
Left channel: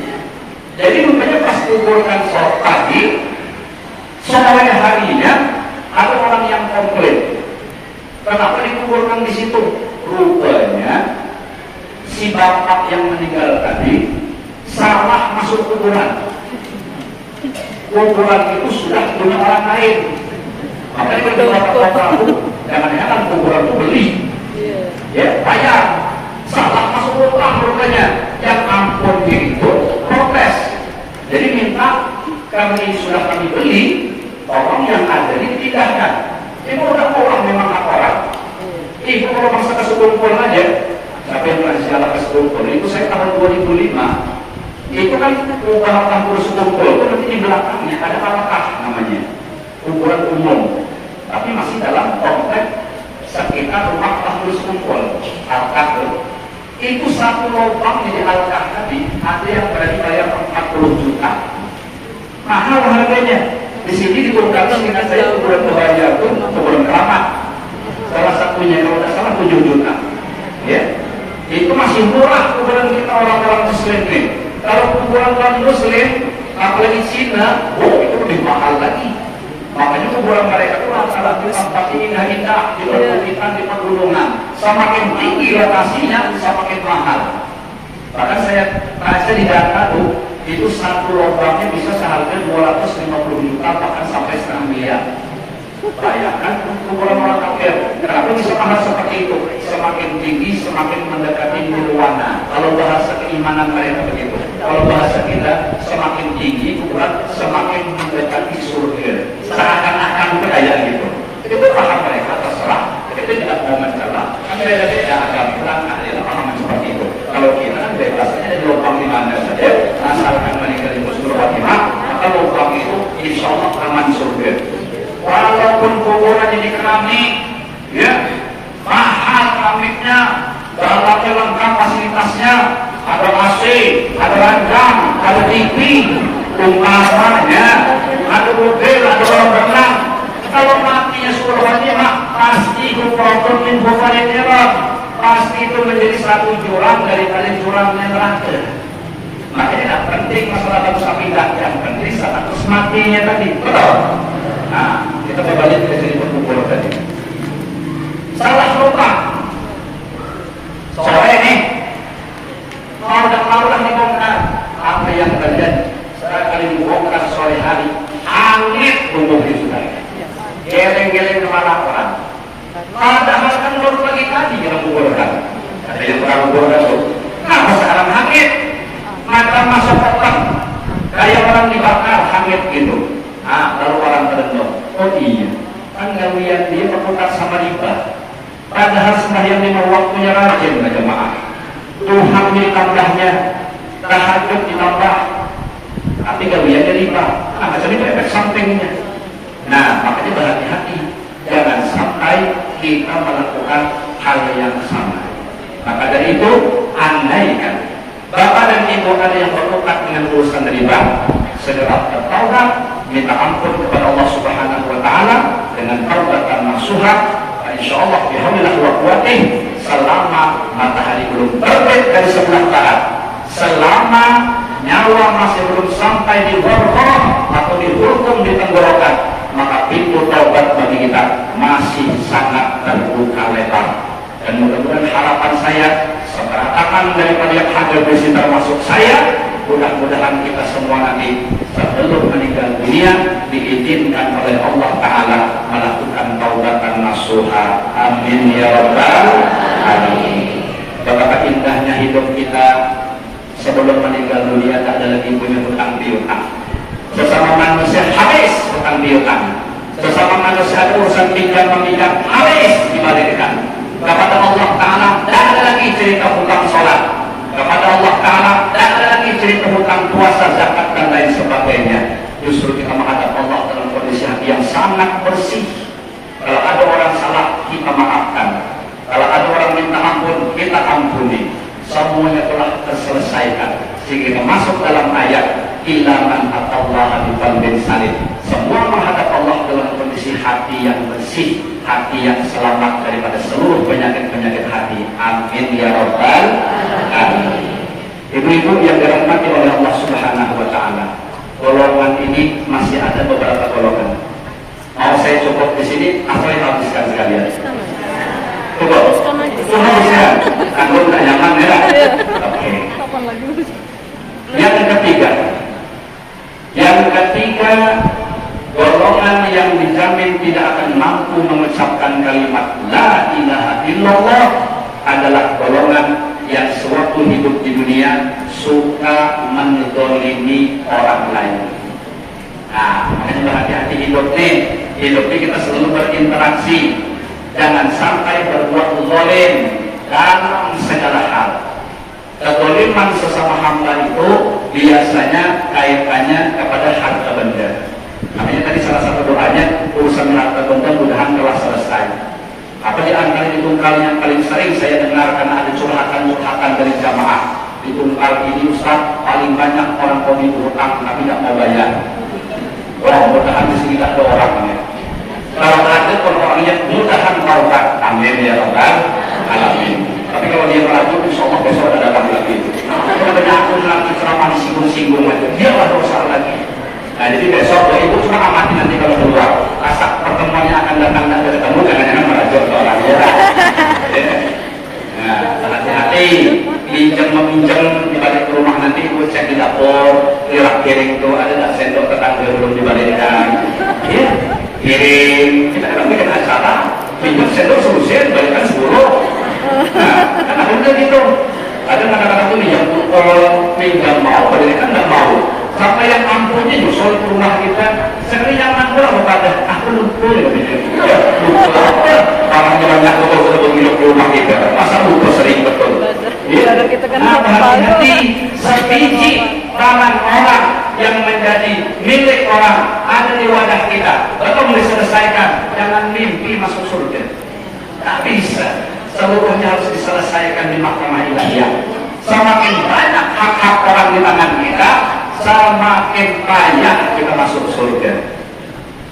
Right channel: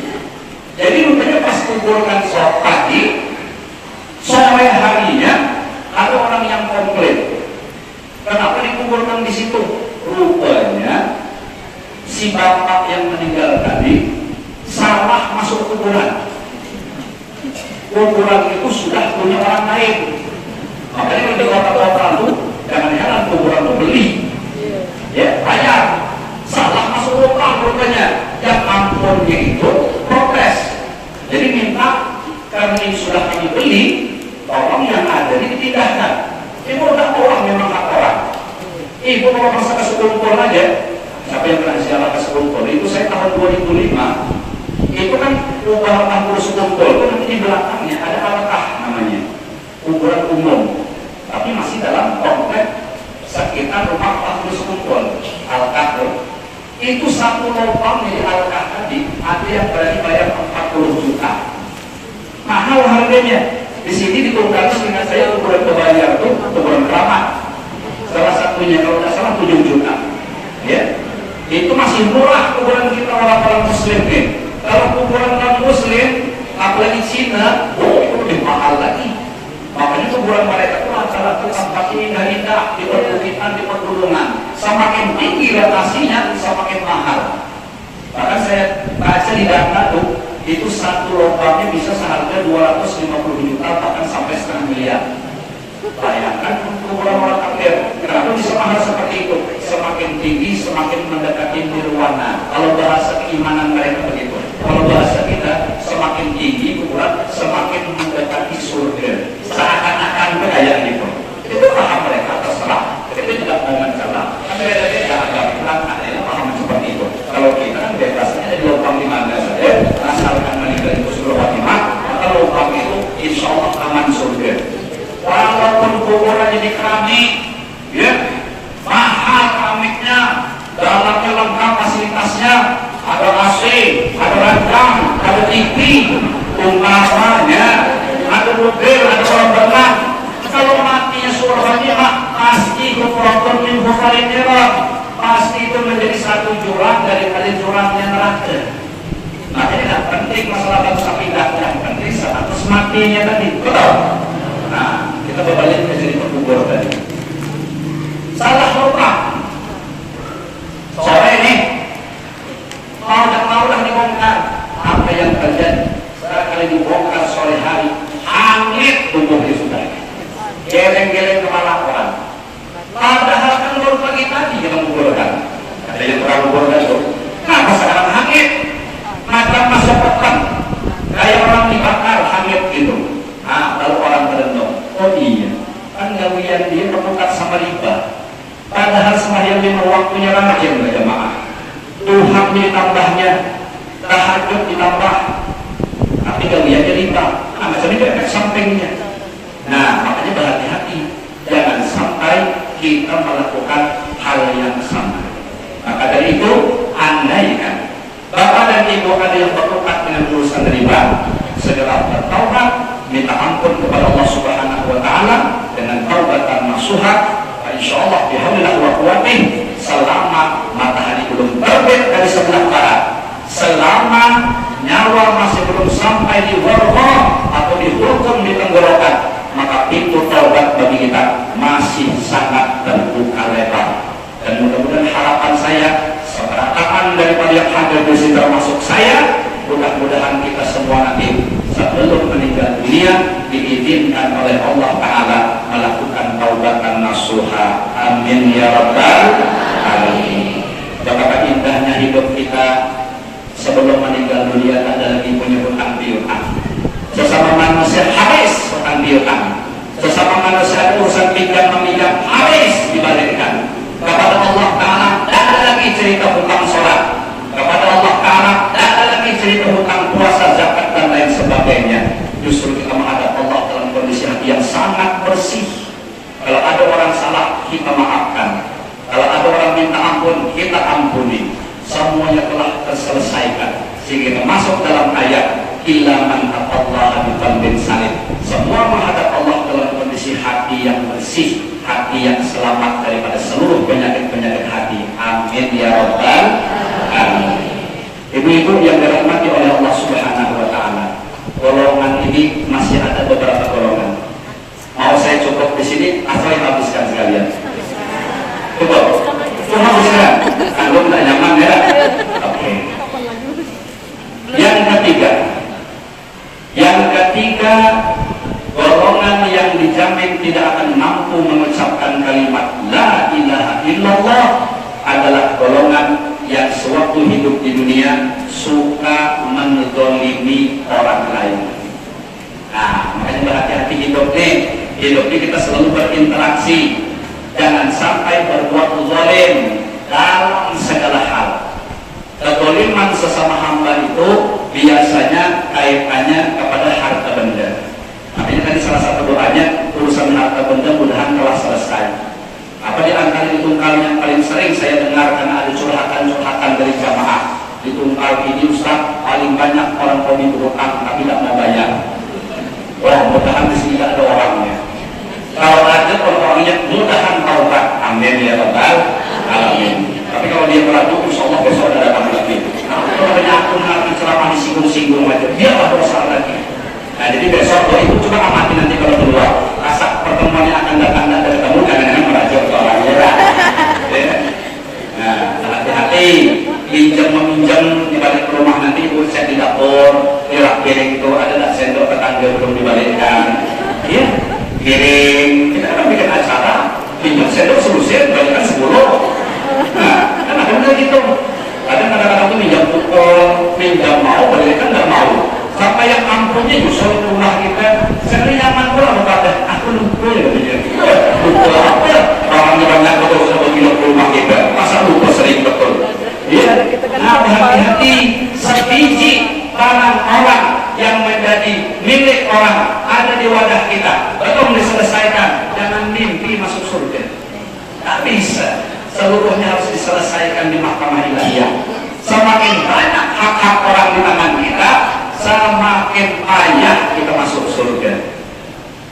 Jadi rupanya pas kuburkan sholat pagi, sore harinya ada orang yang komplain. Kenapa dikuburkan di situ? Rupanya si bapak yang meninggal tadi salah masuk kuburan. Kuburan itu sudah punya orang lain. Makanya kalau bapak-bapak itu jangan heran kuburan itu beli. Ya, bayar. Salah masuk lubang rupanya. Yang ampunnya itu protes. Jadi minta, karena ini sudah kami beli, tolong yang ada dipindahkan. Ibu udah pulang memang hak orang. Ibu kalau masa ke Sekumpul aja, tapi yang pernah siapa ke Sekumpul itu saya tahun 2005. Itu kan kuburan kampung Sekumpul itu nanti di belakangnya ada alkah namanya, kuburan umum, tapi masih dalam konteks sekitar rumah kampung Sekumpul. Alkah itu satu lubang di alkah tadi ada yang berani bayar 40 juta, mahal harganya. Di sini dikurangkan dengan saya kuburan kebayar itu kuburan keramat, salah satunya kalau tidak salah 7 juta. Ya, itu masih murah kuburan kita orang-orang Muslim nih. Kalau kuburan non Muslim, apalagi Cina, itu lebih mahal lagi. Makanya kuburan mereka itu rata-rata tempat indah-indah di perbukitan, di pegunungan. Semakin tinggi lokasinya, semakin mahal. Bahkan saya baca di data itu satu lubangnya bisa seharga 250 juta, bahkan sampai setengah miliar. Bayangkan kuburan orang kafir. Kenapa bisa mahal seperti itu? Semakin tinggi, semakin mendekati nirwana. Kalau bahasa keimanan mereka begitu. Kalau bahasa kita, semakin tinggi kuburan, semakin mendekati surga. Seakan-akan kayak gitu. Itu paham mereka, terserah. Kita tidak mau mencerah. Mereka tidak ada perangkat yang paham seperti itu. Kalau kita bebasnya ada di lubang di mana saja, asalkan meninggal itu surga Fatimah, maka lubang itu insya Allah aman surga. Walaupun kuburan ini keramik, ya, mahal keramiknya, dalamnya lengkap fasilitasnya, ada AC, ada ranjang, ada TV, umpamanya ada mobil, ada orang berenang. Kalau matinya surah Fatimah, pasti itu problem minggu paling merah. Pasti itu menjadi satu jurang daripada jurang yang neraka. Makanya tidak penting masalah bangsa pindah, yang penting status matinya tadi. Betul. Nah, kita berbalik ke cerita kubur tadi. Salah lupa. Sore ini mau dibongkar. Apa yang terjadi? Sekali dibongkar sore hari, hangit tubuh sudah. Geleng-geleng kepala orang. Padahal kan baru pagi tadi yang kuburkan. Ada yang pernah kuburkan itu. Kenapa sekarang hangit? Maka masa petang. Kayak orang dibakar hangit gitu. Nah, lalu orang terendam. Oh iya, kan gawian dia berbuka sama riba. Padahal sembahyang lima waktunya rajin ya jemaah. Tuhan ditambahnya, tahajud ditambah. Tapi gawiannya riba. Nah, macam itu efek sampingnya. Nah, makanya berhati-hati. Jangan sampai kita melakukan hal yang sama. Maka dari itu, andaikan Bapak dan Ibu ada yang bertukar dengan urusan riba, segera bertaubat, minta ampun kepada Allah Subhanahu wa Ta'ala dengan taubatan nasuha. Insyaallah bihaulillah wa quwwatih, selama matahari belum terbit dari sebelah barat, selama nyawa masih belum sampai di warqah atau di hulqum di tenggorokan, maka pintu taubat bagi kita masih sangat terbuka lebar. Dan mudah-mudahan harapan saya, seberapaan daripada yang hadir di sini termasuk saya, mudah-mudahan kita semua nanti sebelum meninggal dunia diizinkan oleh Allah Ta'ala melakukan taubatan nasuha. Amin ya rabbal alamin. Betapa indahnya hidup kita sebelum meninggal dunia, tak ada lagi punya hutang piutang. Sesama manusia harus hutang piutang. Sesama manusia urusan pinjam meminjam harus dibalikkan. Kepada Allah Ta'ala tak ada lagi cerita hutang sholat. Kepada Allah Ta'ala tak ada lagi cerita hutang puasa, zakat dan lain sebagainya. Justru kita menghadap Allah dalam kondisi hati yang sangat bersih. Kalau ada orang salah, kita maafkan. Kalau ada orang minta ampun, kita ampuni. Semuanya telah terselesaikan. Sehingga masuk dalam ayat illa man atallaha biqalbin salim. Semua menghadap Allah dalam kondisi hati yang bersih, hati yang selamat daripada seluruh penyakit-penyakit hati. Amin ya rabbal alamin. Ibu-ibu yang dirahmati oleh Allah Subhanahu wa Ta'ala, golongan ini masih ada beberapa golongan. Mau saya cukup di sini atau yang habiskan sekalian? Cukup. Itu habiskan. Kalau nggak nyaman ya. Oke. Yang ketiga, golongan yang dijamin tidak akan mampu mengucapkan kalimat la ilaha illallah adalah golongan yang sewaktu hidup di dunia suka menzalimi orang lain. Nah, makanya berhati-hati hidup ini kita selalu berinteraksi, jangan sampai berbuat zalim dalam segala hal. Kezaliman sesama hamba itu biasanya kaitannya kepada harta benda. Makanya tadi salah satu doanya urusan harta benda mudahan telah selesai. Apa di antara ditungkal yang paling sering saya dengarkan ada curhatan dari jamaah. Ditungkal ini Ustaz, paling banyak orang kami berutang tapi tidak mau bayar. Wah, mudahan di sini tak ada orangnya. Kalau ada orangnya mudahan taubat. Amin ya rabbal alamin. Tapi kalau dia merajuk, insyaallah besok ada datang lagi. Kalau ada akun lagi ceramah disinggung-singgung aja, dia tak berusaha lagi. Nah, jadi besok itu cuma amati nanti kalau keluar. Rasa pertemuan yang akan datang tidak ketemu, jangan-jangan merajuk ke orangnya. Nah, hati-hati. Pinjam-meminjam di balik rumah nanti ibu saya di dapur, lihat piring itu ada tak sendok tetangga belum dibalikkan. Iya, piring kita akan bikin acara, pinjam sendok selusin, jadikan 10. Nah, kan ada gitu. Ada kadang-kadang itu minjam pukul, minjam mau, balikkan tidak mau. Sampai yang ampunnya justru rumah kita, sering nyaman pula berkata, aku lupa ya begini. Lupa apa? Orangnya banyak betul-betul minum di rumah kita, masa lupa sering betul. Ya, nah hati-hati sebiji barang orang yang menjadi milik orang ada di wadah kita belum diselesaikan, jangan mimpi masuk surga. Tak bisa, seluruhnya harus diselesaikan di mahkamah ilahiyah. Semakin banyak hak-hak orang di tangan kita, makin banyak kita masuk surga.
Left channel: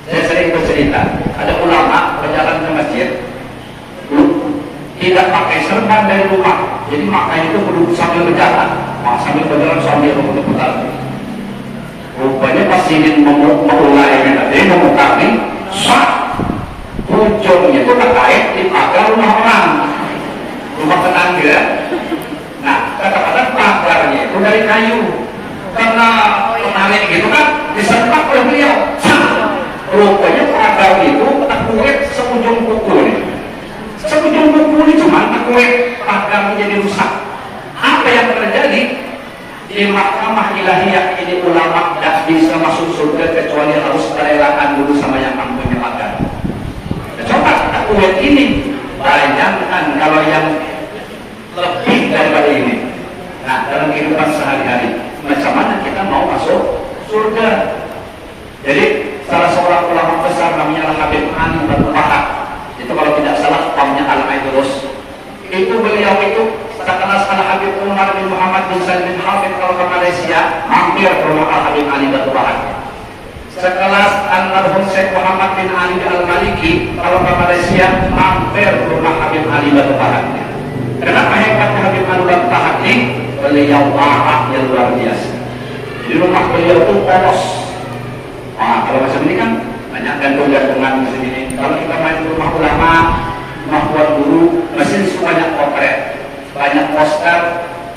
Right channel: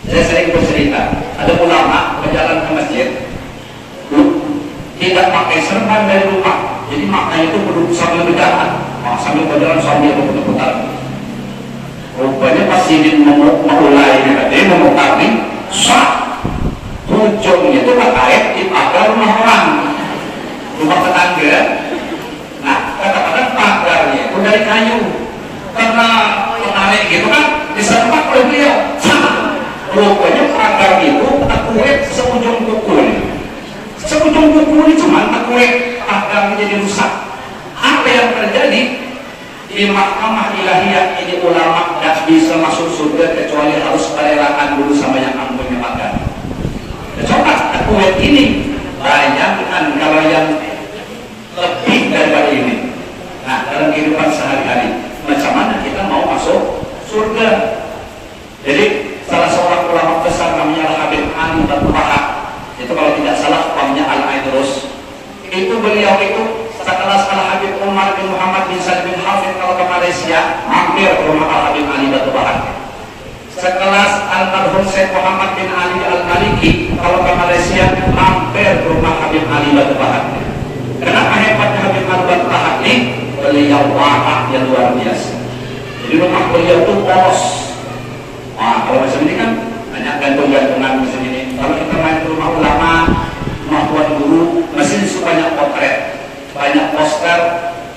Saya sering bercerita, ada ulama berjalan ke masjid, tidak pakai serban dari rumah, jadi makanya itu berduduk sambil berjalan, sambil berjalan sambil berputar. Rupanya pas ingin memulai kami, sah ujungnya itu terkait di pagar rumah orang, rumah tetangga. Nah, kadang-kadang pagarnya itu dari kayu, karena menarik gitu kan, disertak oleh beliau. Rupanya pagar itu terkuat seujung kuku nih. Seujung kuku ini cuma terkuat, pagar menjadi rusak. Apa yang terjadi? Di mahkamah ilahiyah ini ulama tidak bisa masuk surga kecuali harus merelakan dulu sama yang kampungnya pagar. Coba terkuat ini bayangkan kalau yang lebih dari ini. Nah, dalam kehidupan sehari-hari, macam mana kita mau masuk surga? Jadi salah seorang ulama besar namanya Al-Habib Ali Batu Pahat, itu kalau tidak salah namanya Al-Aidrus. Itu beliau itu sekelas Al-Habib Umar bin Muhammad bin Salim bin Hafid kalau ke Malaysia, mampir ke rumah Al-Habib Ali Batu Pahat. Sekelas Al-Marhum Syekh Muhammad bin Ali Al-Maliki kalau ke Malaysia, mampir ke rumah Habib Ali Batu Pahat. Kenapa hebatnya Habib Ali Batu Pahat ini? Beliau marah yang luar biasa. Di rumah beliau itu polos. Nah, kalau macam ini kan banyak gantung-gantungan macam ini. Kalau kita main ke rumah ulama, rumah tuan guru, mesin banyak potret, banyak poster,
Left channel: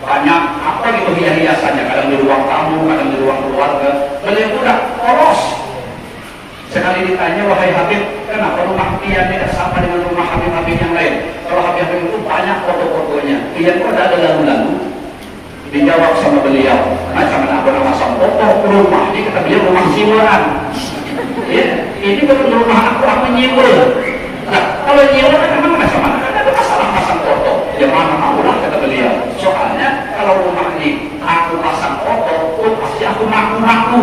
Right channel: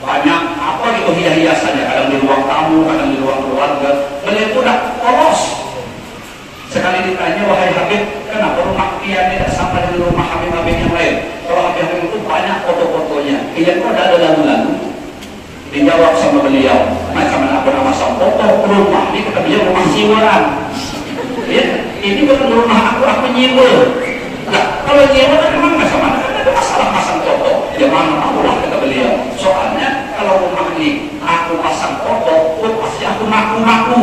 banyak apa gitu hias-hiasannya. Kadang di ruang tamu, kadang di ruang keluarga. Beliau itu udah polos. Sekali ditanya, wahai Habib, kenapa rumah pian tidak sama dengan rumah Habib-Habib yang lain? Kalau Habib-Habib itu banyak foto-fotonya. Pian kok ada lagu-lagu? Dijawab sama beliau, macam mana aku nama foto rumah ini, kata beliau rumah siwaran. Ya, ini bukan rumah aku nyiwul. Nah, kalau nyiwul kan memang sama, ada masalah pasang foto. Ya mana mau lah, kata beliau. Soalnya kalau rumah ini aku pasang foto, pasti aku ngaku-ngaku.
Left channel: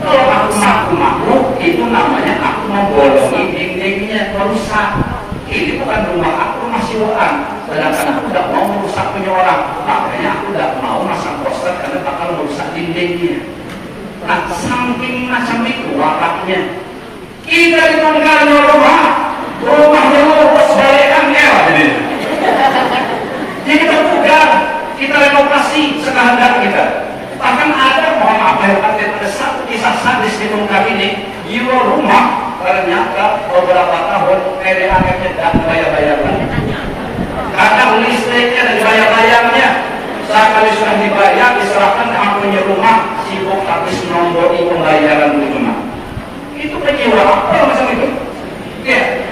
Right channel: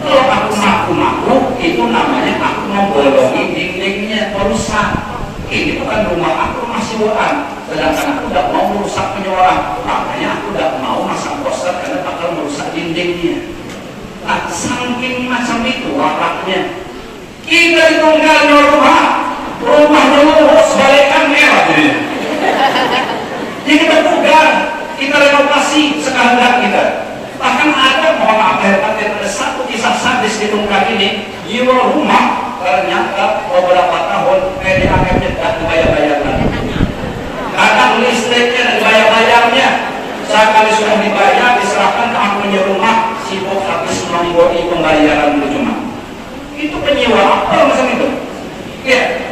Kalau aku ngaku-ngaku, itu namanya aku mau bolongi dindingnya, rusak. Ini bukan rumah aku, rumah siwaran. Sedangkan aku tidak mau merusak punya orang, makanya aku tidak mau masang poster karena bakal merusak dindingnya. Nah, saking macam itu rapatnya. Kita ditunggangi rumahnya lurus, balikan merah jadi. Jadi kita pugar, kita renovasi sekehendak kita. Bahkan ada, mohon maaf ada satu kisah sadis di ungkap ini, jiwa rumah ternyata beberapa tahun PDAM-nya tidak bayar-bayarkan. Kadang listriknya dan bayar-bayarnya sekali sudah dibayar, diserahkan ke punya rumah, sibuk habis nombori pembayaran dulu cuma. Itu penyewa apa macam itu? Ya,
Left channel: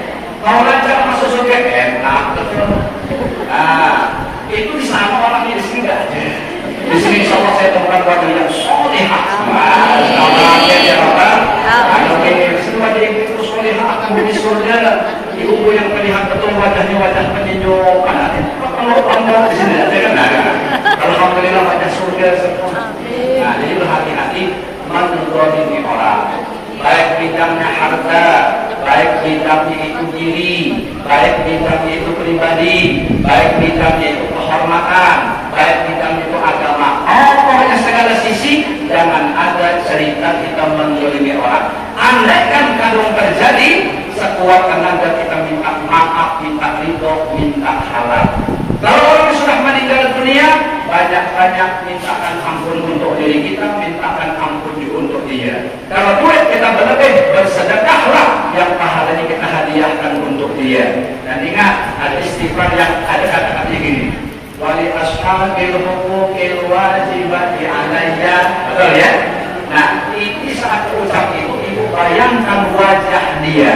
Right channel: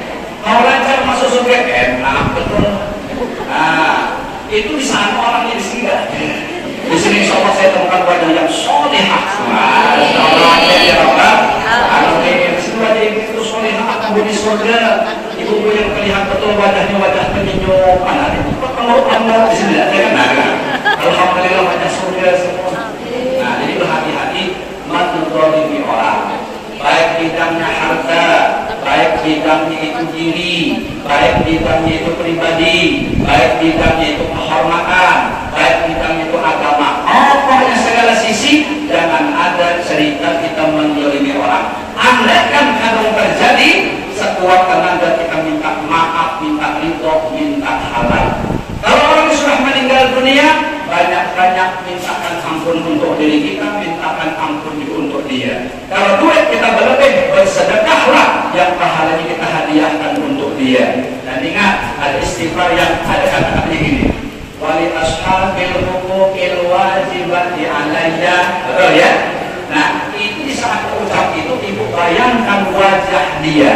mau lancar masuk surga enak betul. Nah, itu di sana orangnya di sini enggak. Di sini insya Allah saya temukan bagi yang solehah. Nah, saya orang. Semua jadi begitu solehah, aku di surga. Ibu yang melihat betul wajahnya wajah penyenyum. Kalau di sini ada kan? Alhamdulillah wajah surga. Nah, jadi berhati-hati menghormati orang. Baik bidangnya harta, baik bidangnya itu diri, baik bidangnya itu pribadi, baik bidangnya itu kehormatan, baik bidangnya itu agama. Pokoknya segala sisi jangan ada cerita kita menzalimi orang. Andaikan kalau terjadi, sekuat tenaga kita minta maaf, minta ridho, minta halal. Kalau orang sudah meninggal dunia, banyak-banyak mintakan ampun untuk diri kita, mintakan ampun untuk dia. Kalau duit kita berlebih, bersedekahlah yang pahalanya kita hadiahkan untuk dia. Dan ingat, ada istighfar yang ada kata-kata ini. Wali ashabil huquqil wajibati alayya. Betul ya? Nah, ini saat ucap itu, ibu bayangkan wajah dia.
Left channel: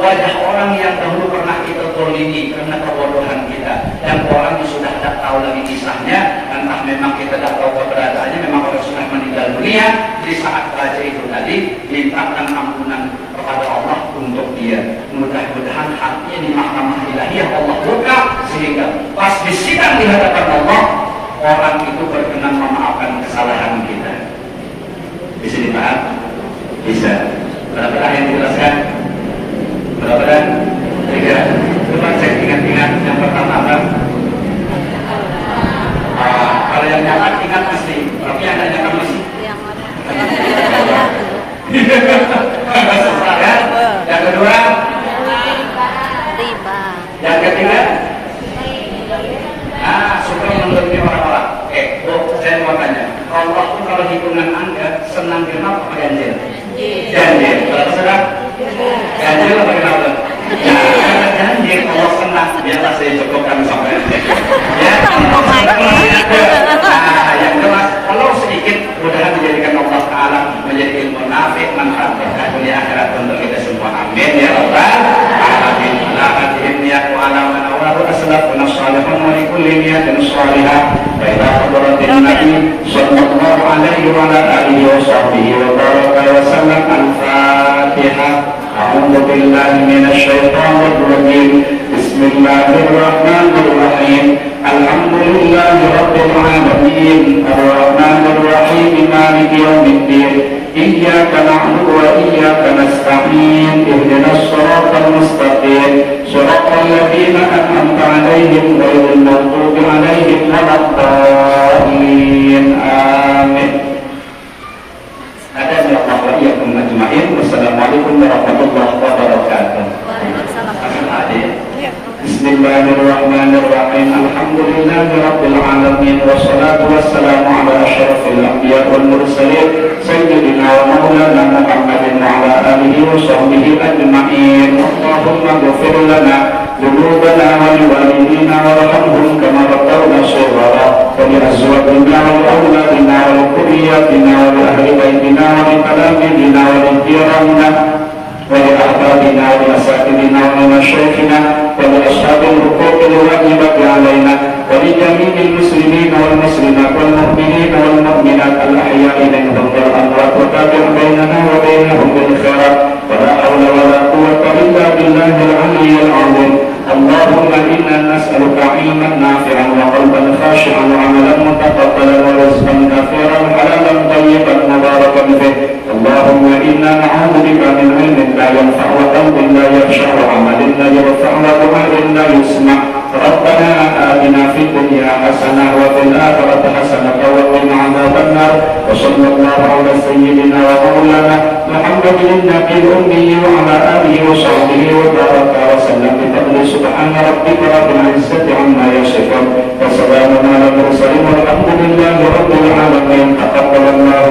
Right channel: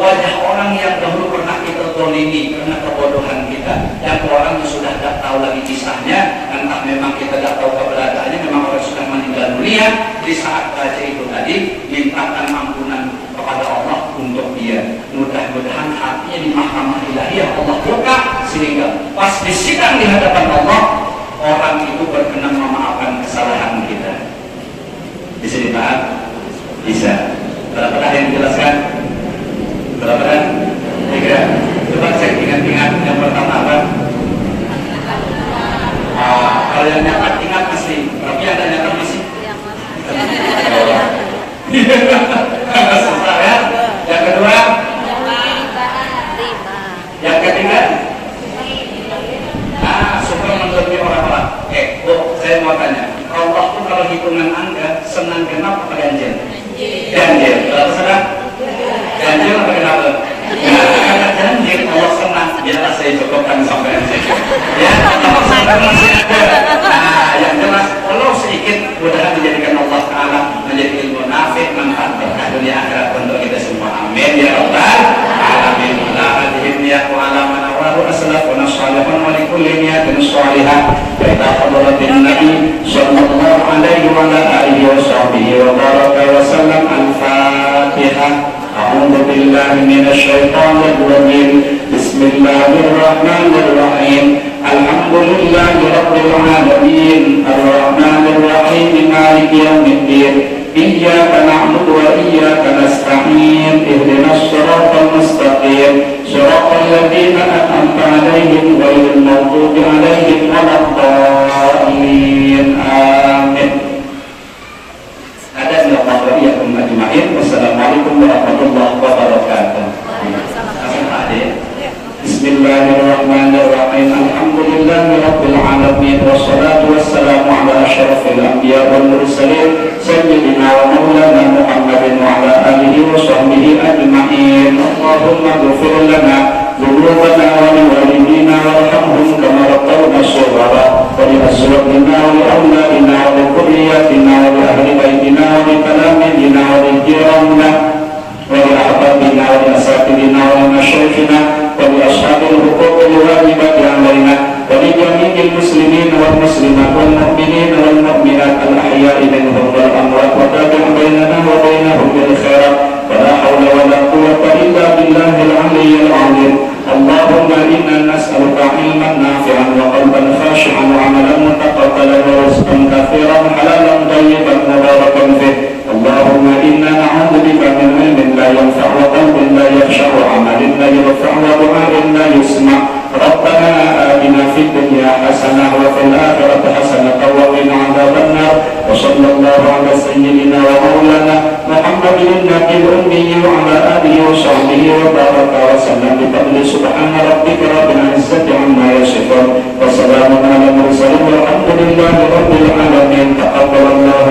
Wajah orang yang dahulu pernah kita tolini karena kebodohan kita, dan orang yang sudah tidak tahu lagi kisahnya, entah memang kita tidak tahu keberadaannya, memang orang sudah meninggal dunia. Di saat baca itu tadi, mintakan ampunan kepada Allah untuk dia. Mudah-mudahan hatinya di mahkamah ilahiyah Allah buka, sehingga pas disidang di hadapan Allah, orang itu berkenan memaafkan kesalahan kita. Di sini Pak, bisa. Berapa yang dijelaskan? Berapa? 3. Coba cek ingat-ingat yang pertama apa? Kalau yang dapat ingat pasti, tapi yang tidak dapat masih. perhimpunan Anda senang genap atau ganjil? Ganjil. Kalau senang? Ganjil atau kenapa? Nah, karena ganjil Allah senang. Biarlah saya cukupkan sampai di situ. Ya, Allah senang masih ada. Nah, yang jelas kalau sedikit mudah-mudahan dijadikan Allah Ta'ala menjadi ilmu nafi, manfaat berkah dunia akhirat untuk kita semua. Amin ya Rabbal alamin. Ala adhimniya wa ala man awadu aslaf wa nasalihun wa likulli niyatin salihah. Baik hadratin Nabi sallallahu alaihi wa ala alihi wa sahbihi wa baraka wa sallam. Al-Fatihah. A'udzu billahi minasy syaithanir rajim. Bismillahirrahmanirrahim. Alhamdulillahi rabbil alamin. Ar-Rahmanir Rahim. Maliki yaumiddin. Iyyaka na'budu wa iyyaka nasta'in. Ihdinas siratal mustaqim. Shiratal ladzina an'amta 'alaihim ghairil maghdubi 'alaihim waladdallin. Amin. Ada Allah wa iyyakum ajma'in. Wassalamualaikum warahmatullahi wabarakatuh. Bismillahirrahmanirrahim. Alhamdulillahi rabbil alamin. Wassalatu wassalamu ala asyrafil anbiya wal mursalin sayyidina wa maulana Muhammadin wa ala alihi wa sahbihi ajma'in. Allahumma ighfir lana dhunubana wa liwalidina warhamhum kama rabbawna shighara wa li azwajina wa li awladina wa li dhurriyyatina wa li ahli baitina wa li talamidina wa li jiranina wa li ahbabina wa li asatidina wa li masyayikhina وبأصحاب الحقوق الواجبة علينا ولجميع المسلمين والمسلمات والمؤمنين والمؤمنات الأحياء منهم والأموات وتابع بيننا وبينهم بالخيرات ولا حول ولا قوة إلا بالله العلي العظيم. اللهم إنا نسألك علما نافعا وقلبا خاشعا وعملا متقبلا ورزقا كثيرا حلالا طيبا مباركا فيه. اللهم إنا نعوذ بك من علم لا ينفع وقلب لا يخشع وعمل لا يرفع ودعاء لا يسمع. ربنا آتنا في الدنيا حسنة وفي الآخرة حسنة وقنا عذاب النار. وصلى الله على سيدنا ومولانا محمد النبي الأمي وعلى آله وصحبه وبارك وسلم بفضل سبحان ربك رب العزة عما يصفون وسلام على المرسلين والحمد لله رب العالمين. تقبل الله